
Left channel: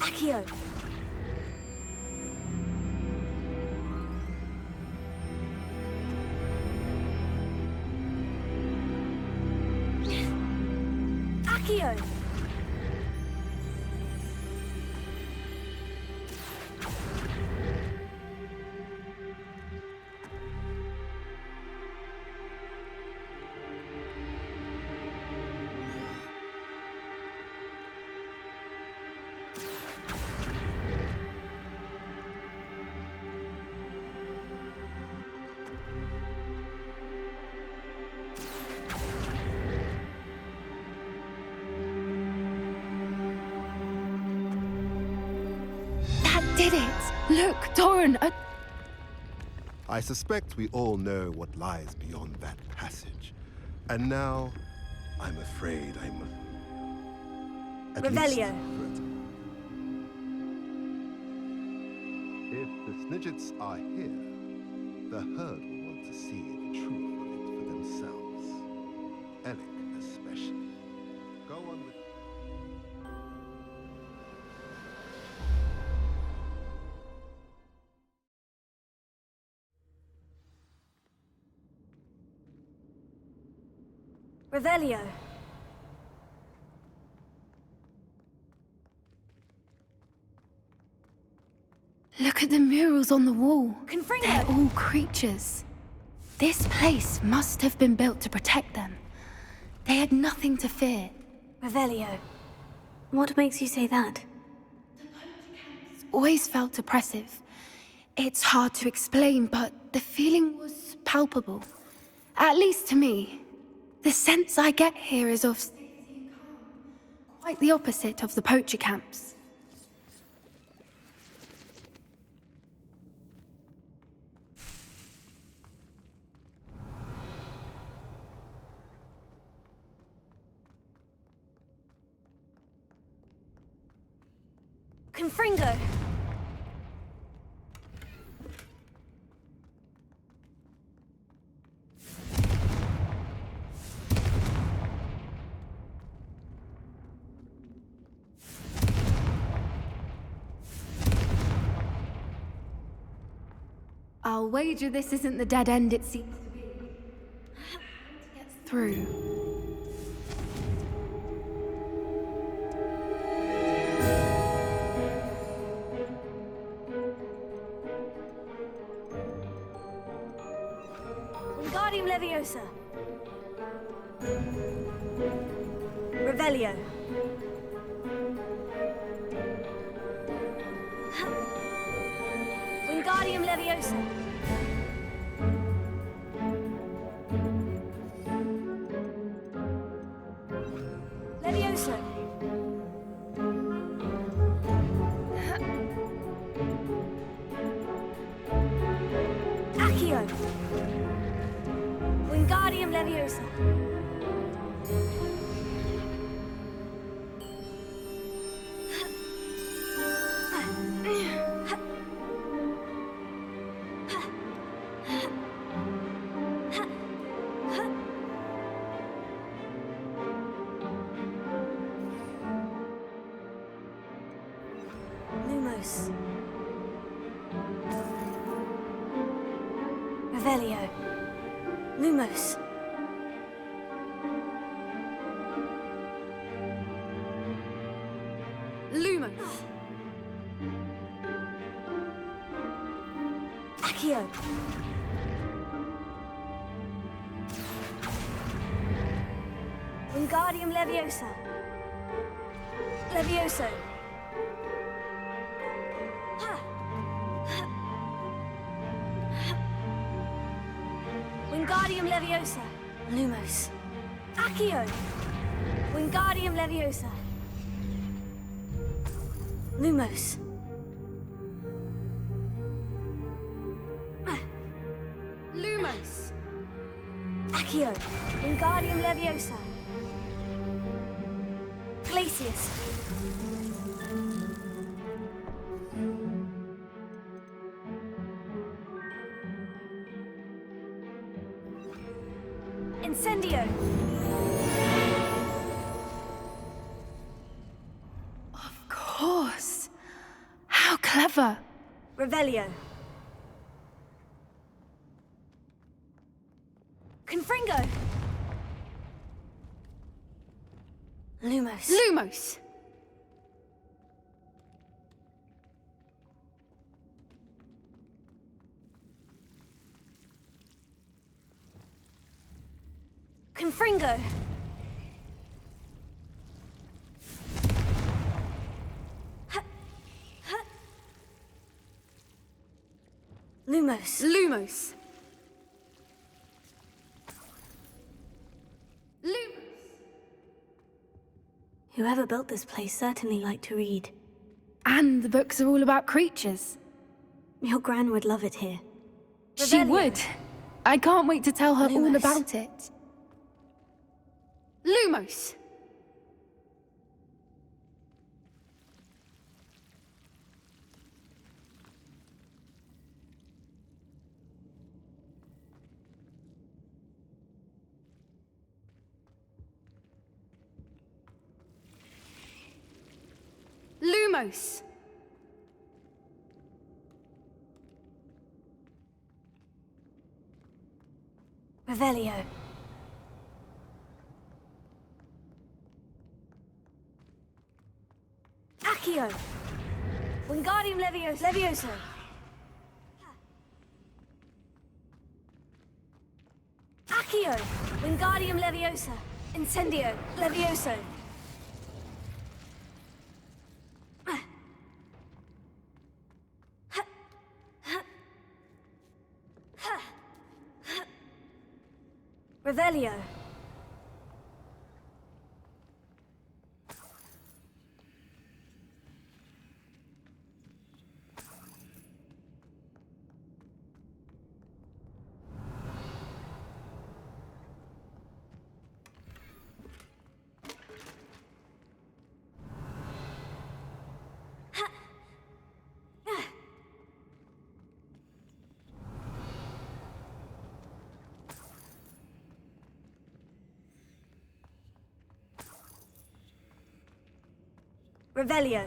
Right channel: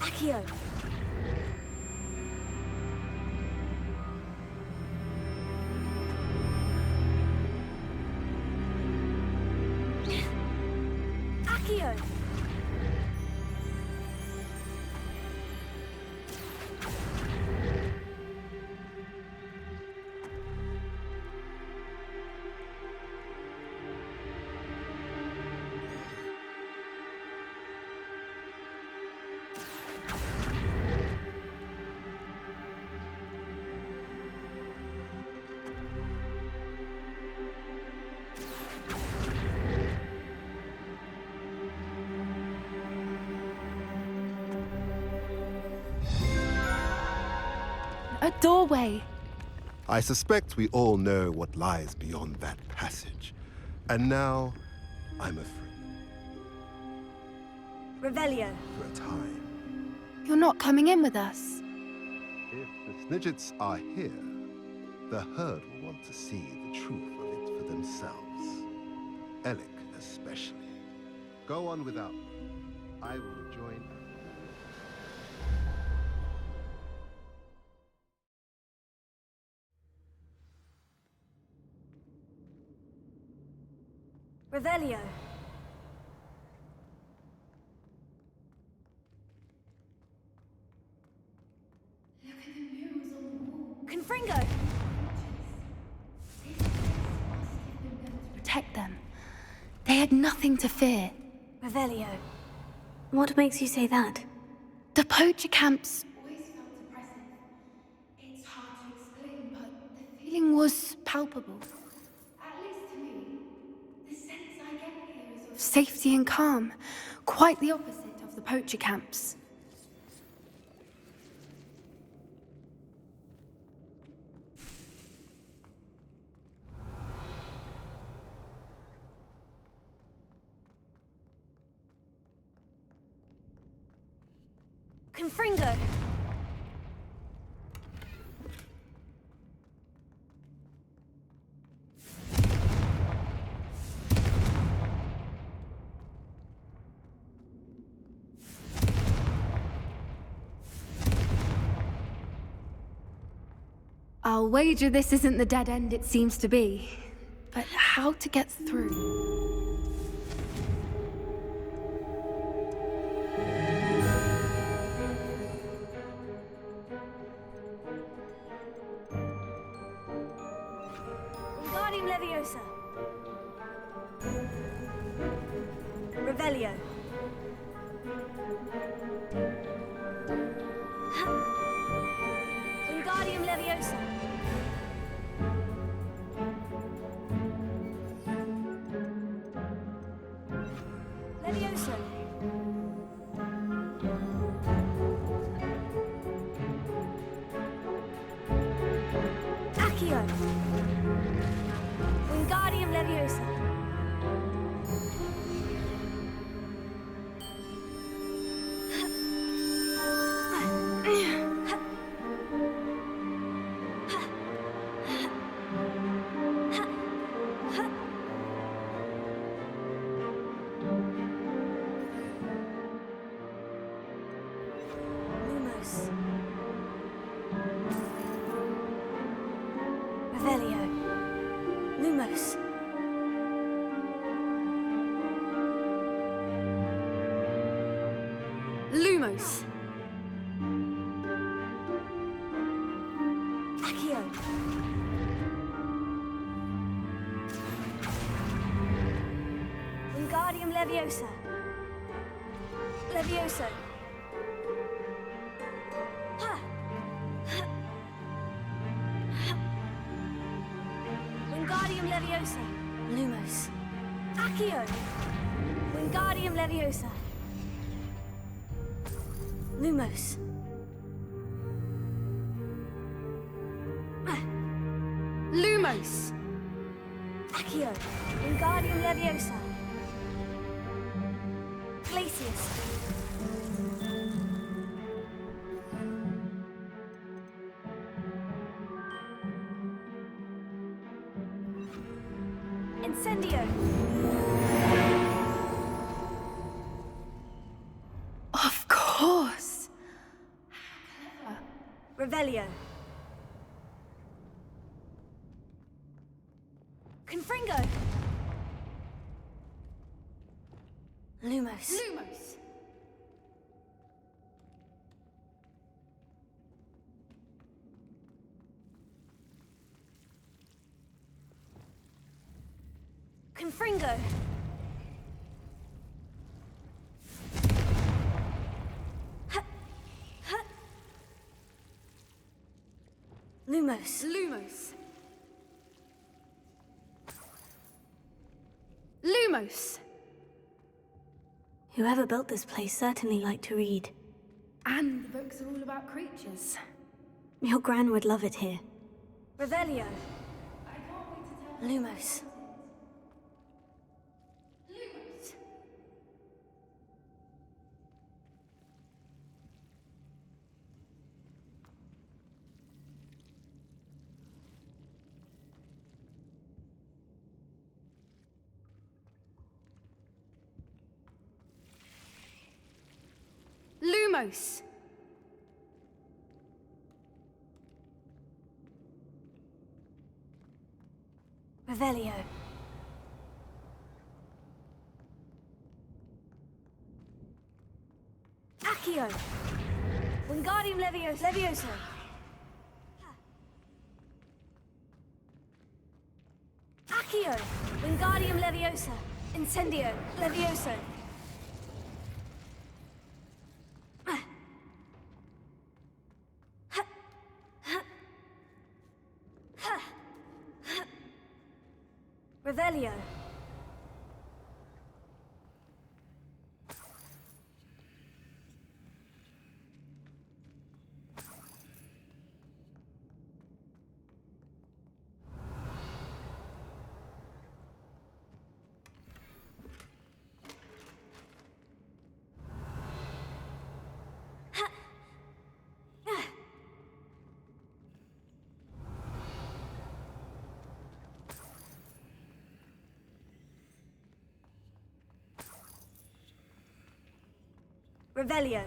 Accio. Accio. That did it! Look, Doran, a doorway. I suspect we all know what lies beyond that passage. And now, I'm afraid I'm... at least Revelio. for a time. You're not coming in with us. If the Snidgets are here, the herd will want to see the truth of it for themselves. Alec especially. Go on without me. I will join you. Revelio. Look at the murals on the wall. Confringo. They're all creatures. This place must have been built to protect them. They had nothing to fear. Revelio. What makes you say that? The poacher camps always felt oppressive. It's hard to explain, but the feeling was palpable. At least to me. The sense I get here is of safety and calm. Quite the opposite of the poacher camps. Confringo. I'll wager this isn't the dead end it seems to be. But how to get through? Wingardium Leviosa. Revelio. Wingardium Leviosa. Leviosa. Accio. Wingardium Leviosa. Lumos. Revelio. Lumos. Lumos. Accio. Wingardium Leviosa. Levioso. Ha. Wingardium Leviosa. Lumos. Accio. Wingardium Leviosa. Lumos. Lumos. Accio. Wingardium Leviosa. Glacius. Incendio. Of course. How clever. Revelio. Confringo. Lumos. Lumos. Confringo. Lumos. Lumos. Lumos. Whoever built this place certainly liked to read. And the books are all about creatures. Your gran would love it here. She Revelio. would. I can't wait to tell her all Lumos. about it. Lumos. Lumos. Revelio. Accio. Wingardium Levioso. Accio. Wingardium Leviosa. Incendio. Levioso. Revelio. Revelio.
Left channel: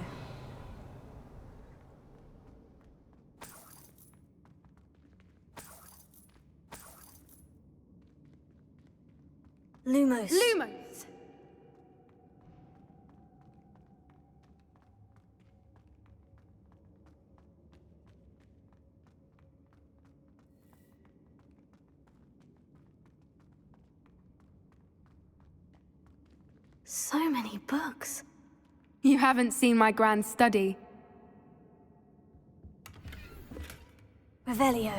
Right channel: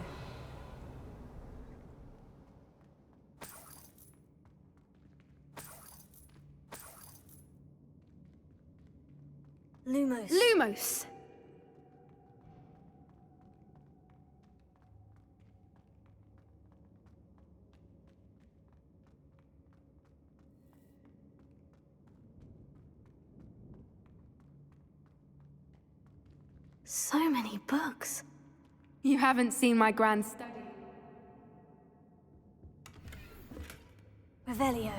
Lumos. Lumos. So many books. You haven't seen my grand study. Revelio.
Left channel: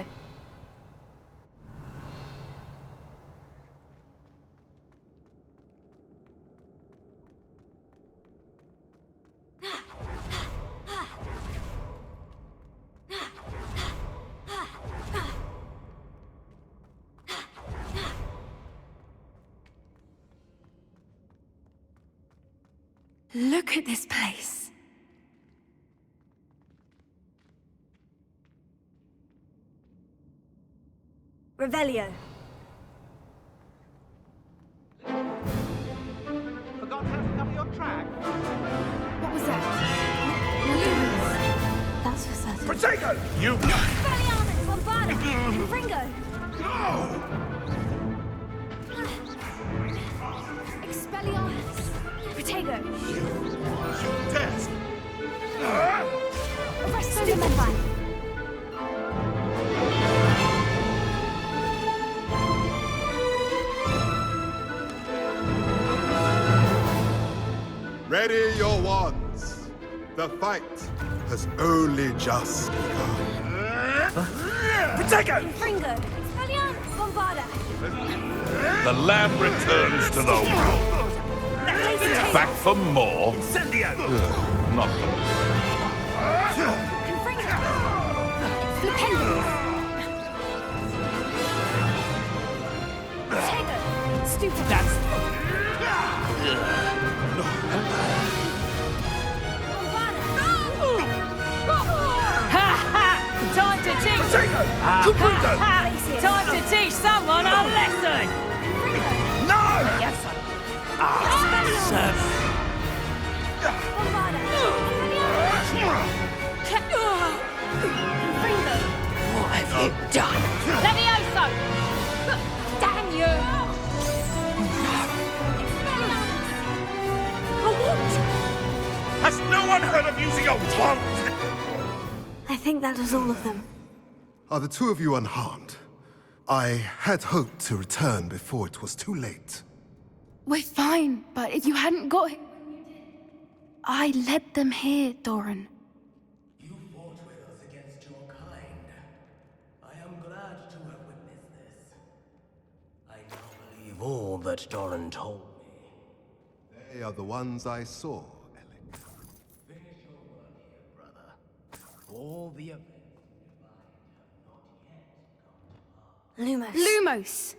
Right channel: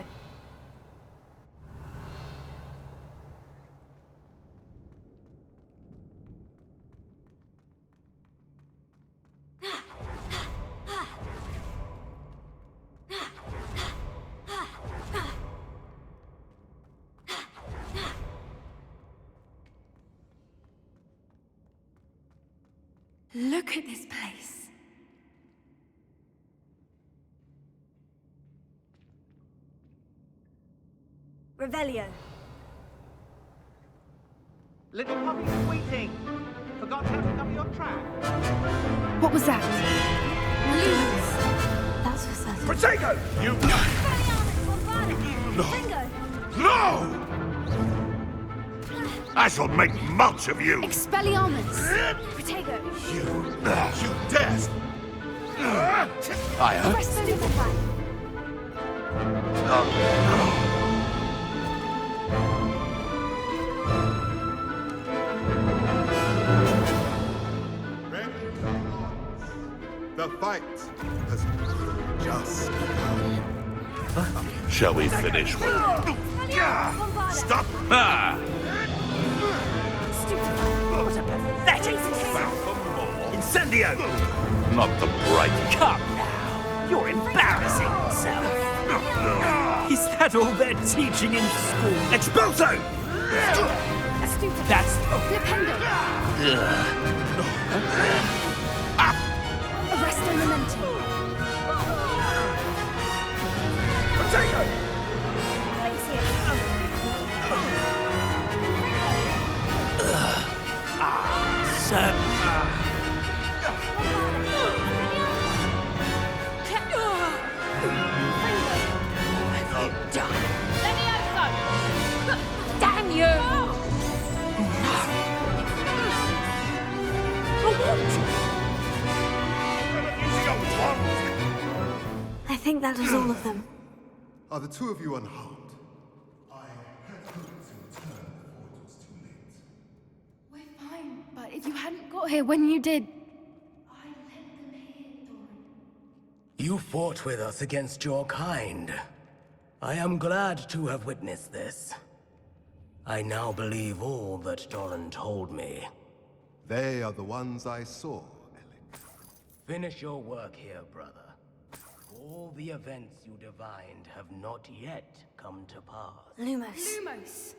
Look at this place. Revelio. Little puppy weeping. Forgot how to cover your track. What was that? Lumos. That's for certain. Protego! You... Expelliarmus Bombada. Confringo. No! I shall make much of you! Expelliarmus! Protego! You dare! Fire! Stupefy! Ready your wands. The fight has only just begun. Shall we finish? Fringo! Bombarda! Stop! The lamb returns to the Back for more? Incendio! Not the bright. Come! You're embarrassing yourself. Is that all they're teaching in school? Expulso! Stupefy! That's... Time to teach. Protego! Time to teach someone a lesson. What have you done? Levioso! Damn you! Has no one heard of using a wand? I think that was all of them. Are the two of you unharmed? I had hoped to return before it was too late. We're fine, but if you hadn't got here when you did, I led them here, Doran. You fought with us against your kind. I am glad to have witnessed this. I now believe all that Doran told me. They are the ones I saw, Alec. Finish your work here, brother. All the events you divined have not yet come to pass. Lumos. Lumos!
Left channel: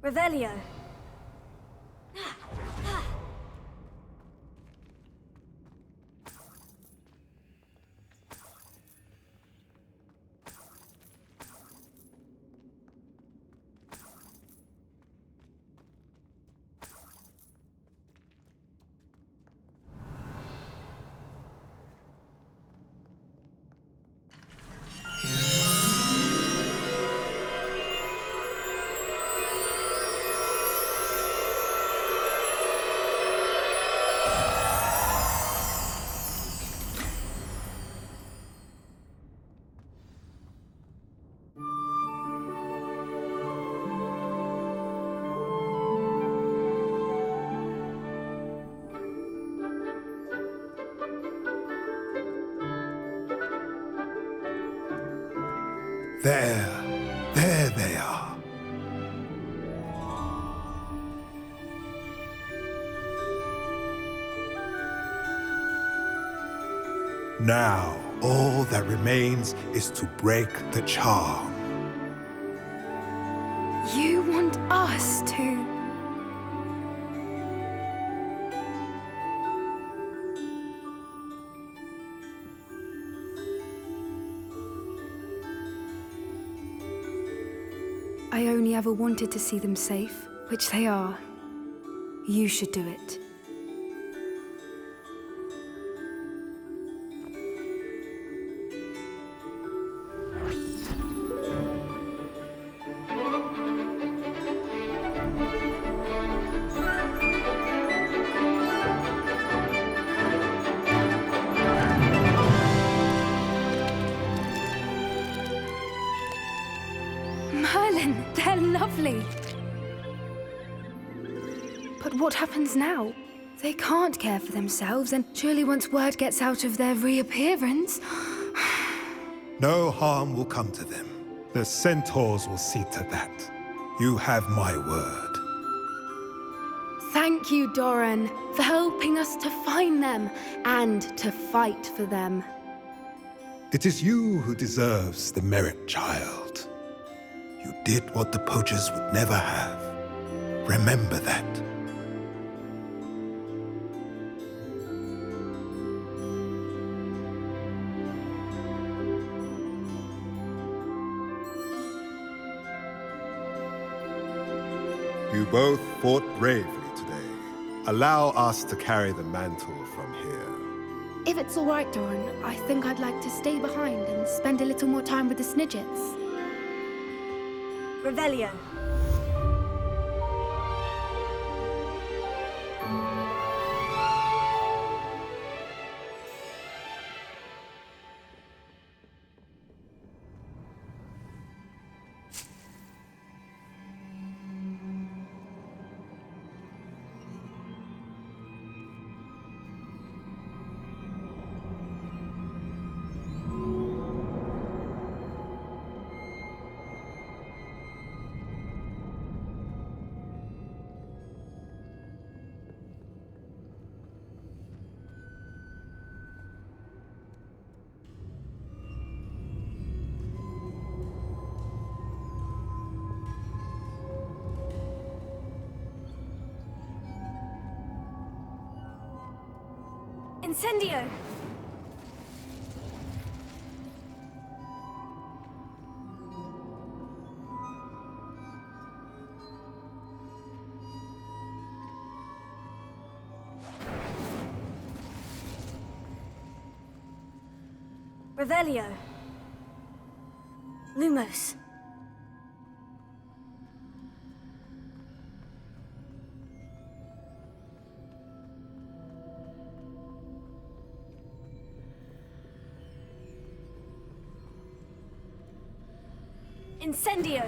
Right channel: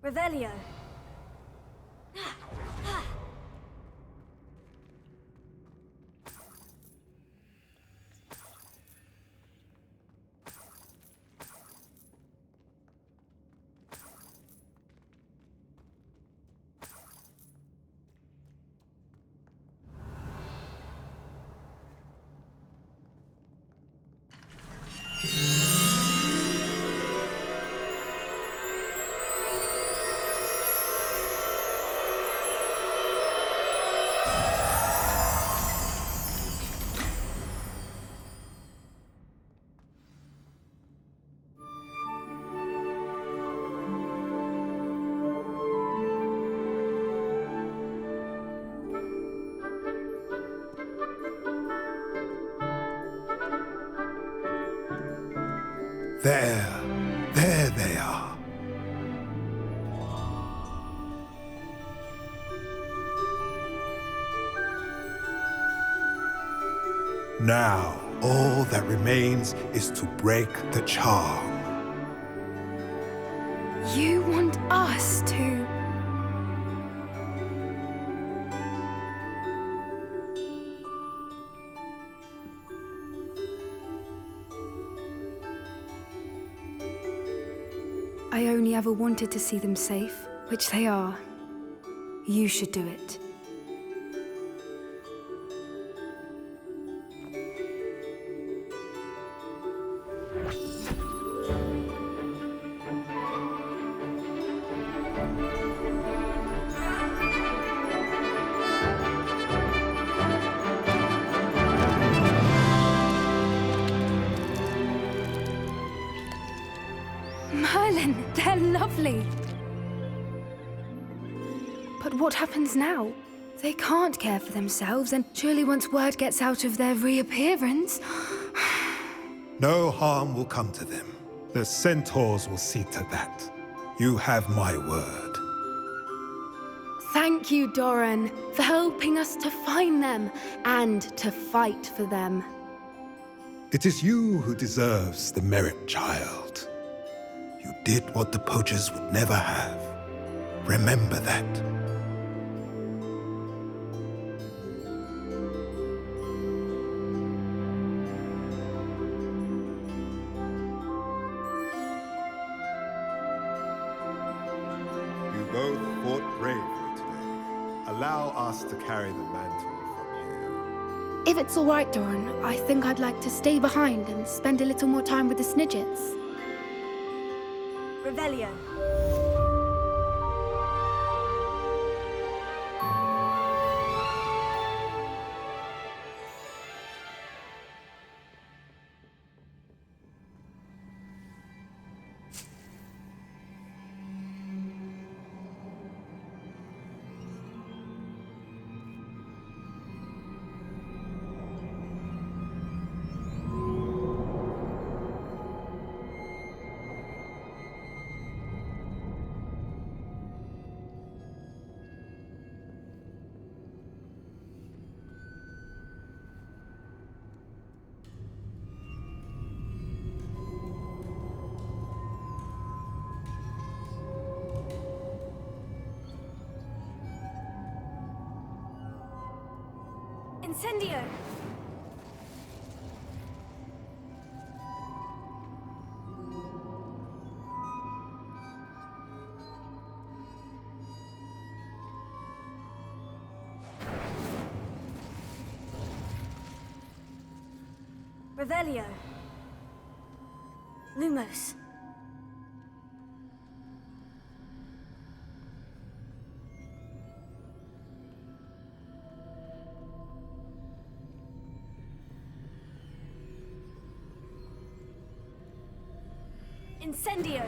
Revelio. There they are. Now, all that remains is to break the charm. You want us to... I only ever wanted to see them safe, which they are. You should do it. Merlin, they're lovely. But what happens now? They can't care for themselves, and surely once word gets out of their reappearance... No harm will come to them. The centaurs will see to that. You have my word. Thank you, Doran, for helping us to find them and to fight for them. It is you who deserves the merit, child. You did what the poachers would never have. Remember that. You both fought bravely today. Allow us to carry the mantle from here. If it's all right, Doran, I think I'd like to stay behind and spend a little more time with the Snidgets. Revelio. Incendio! Revelio. Lumos. Incendio!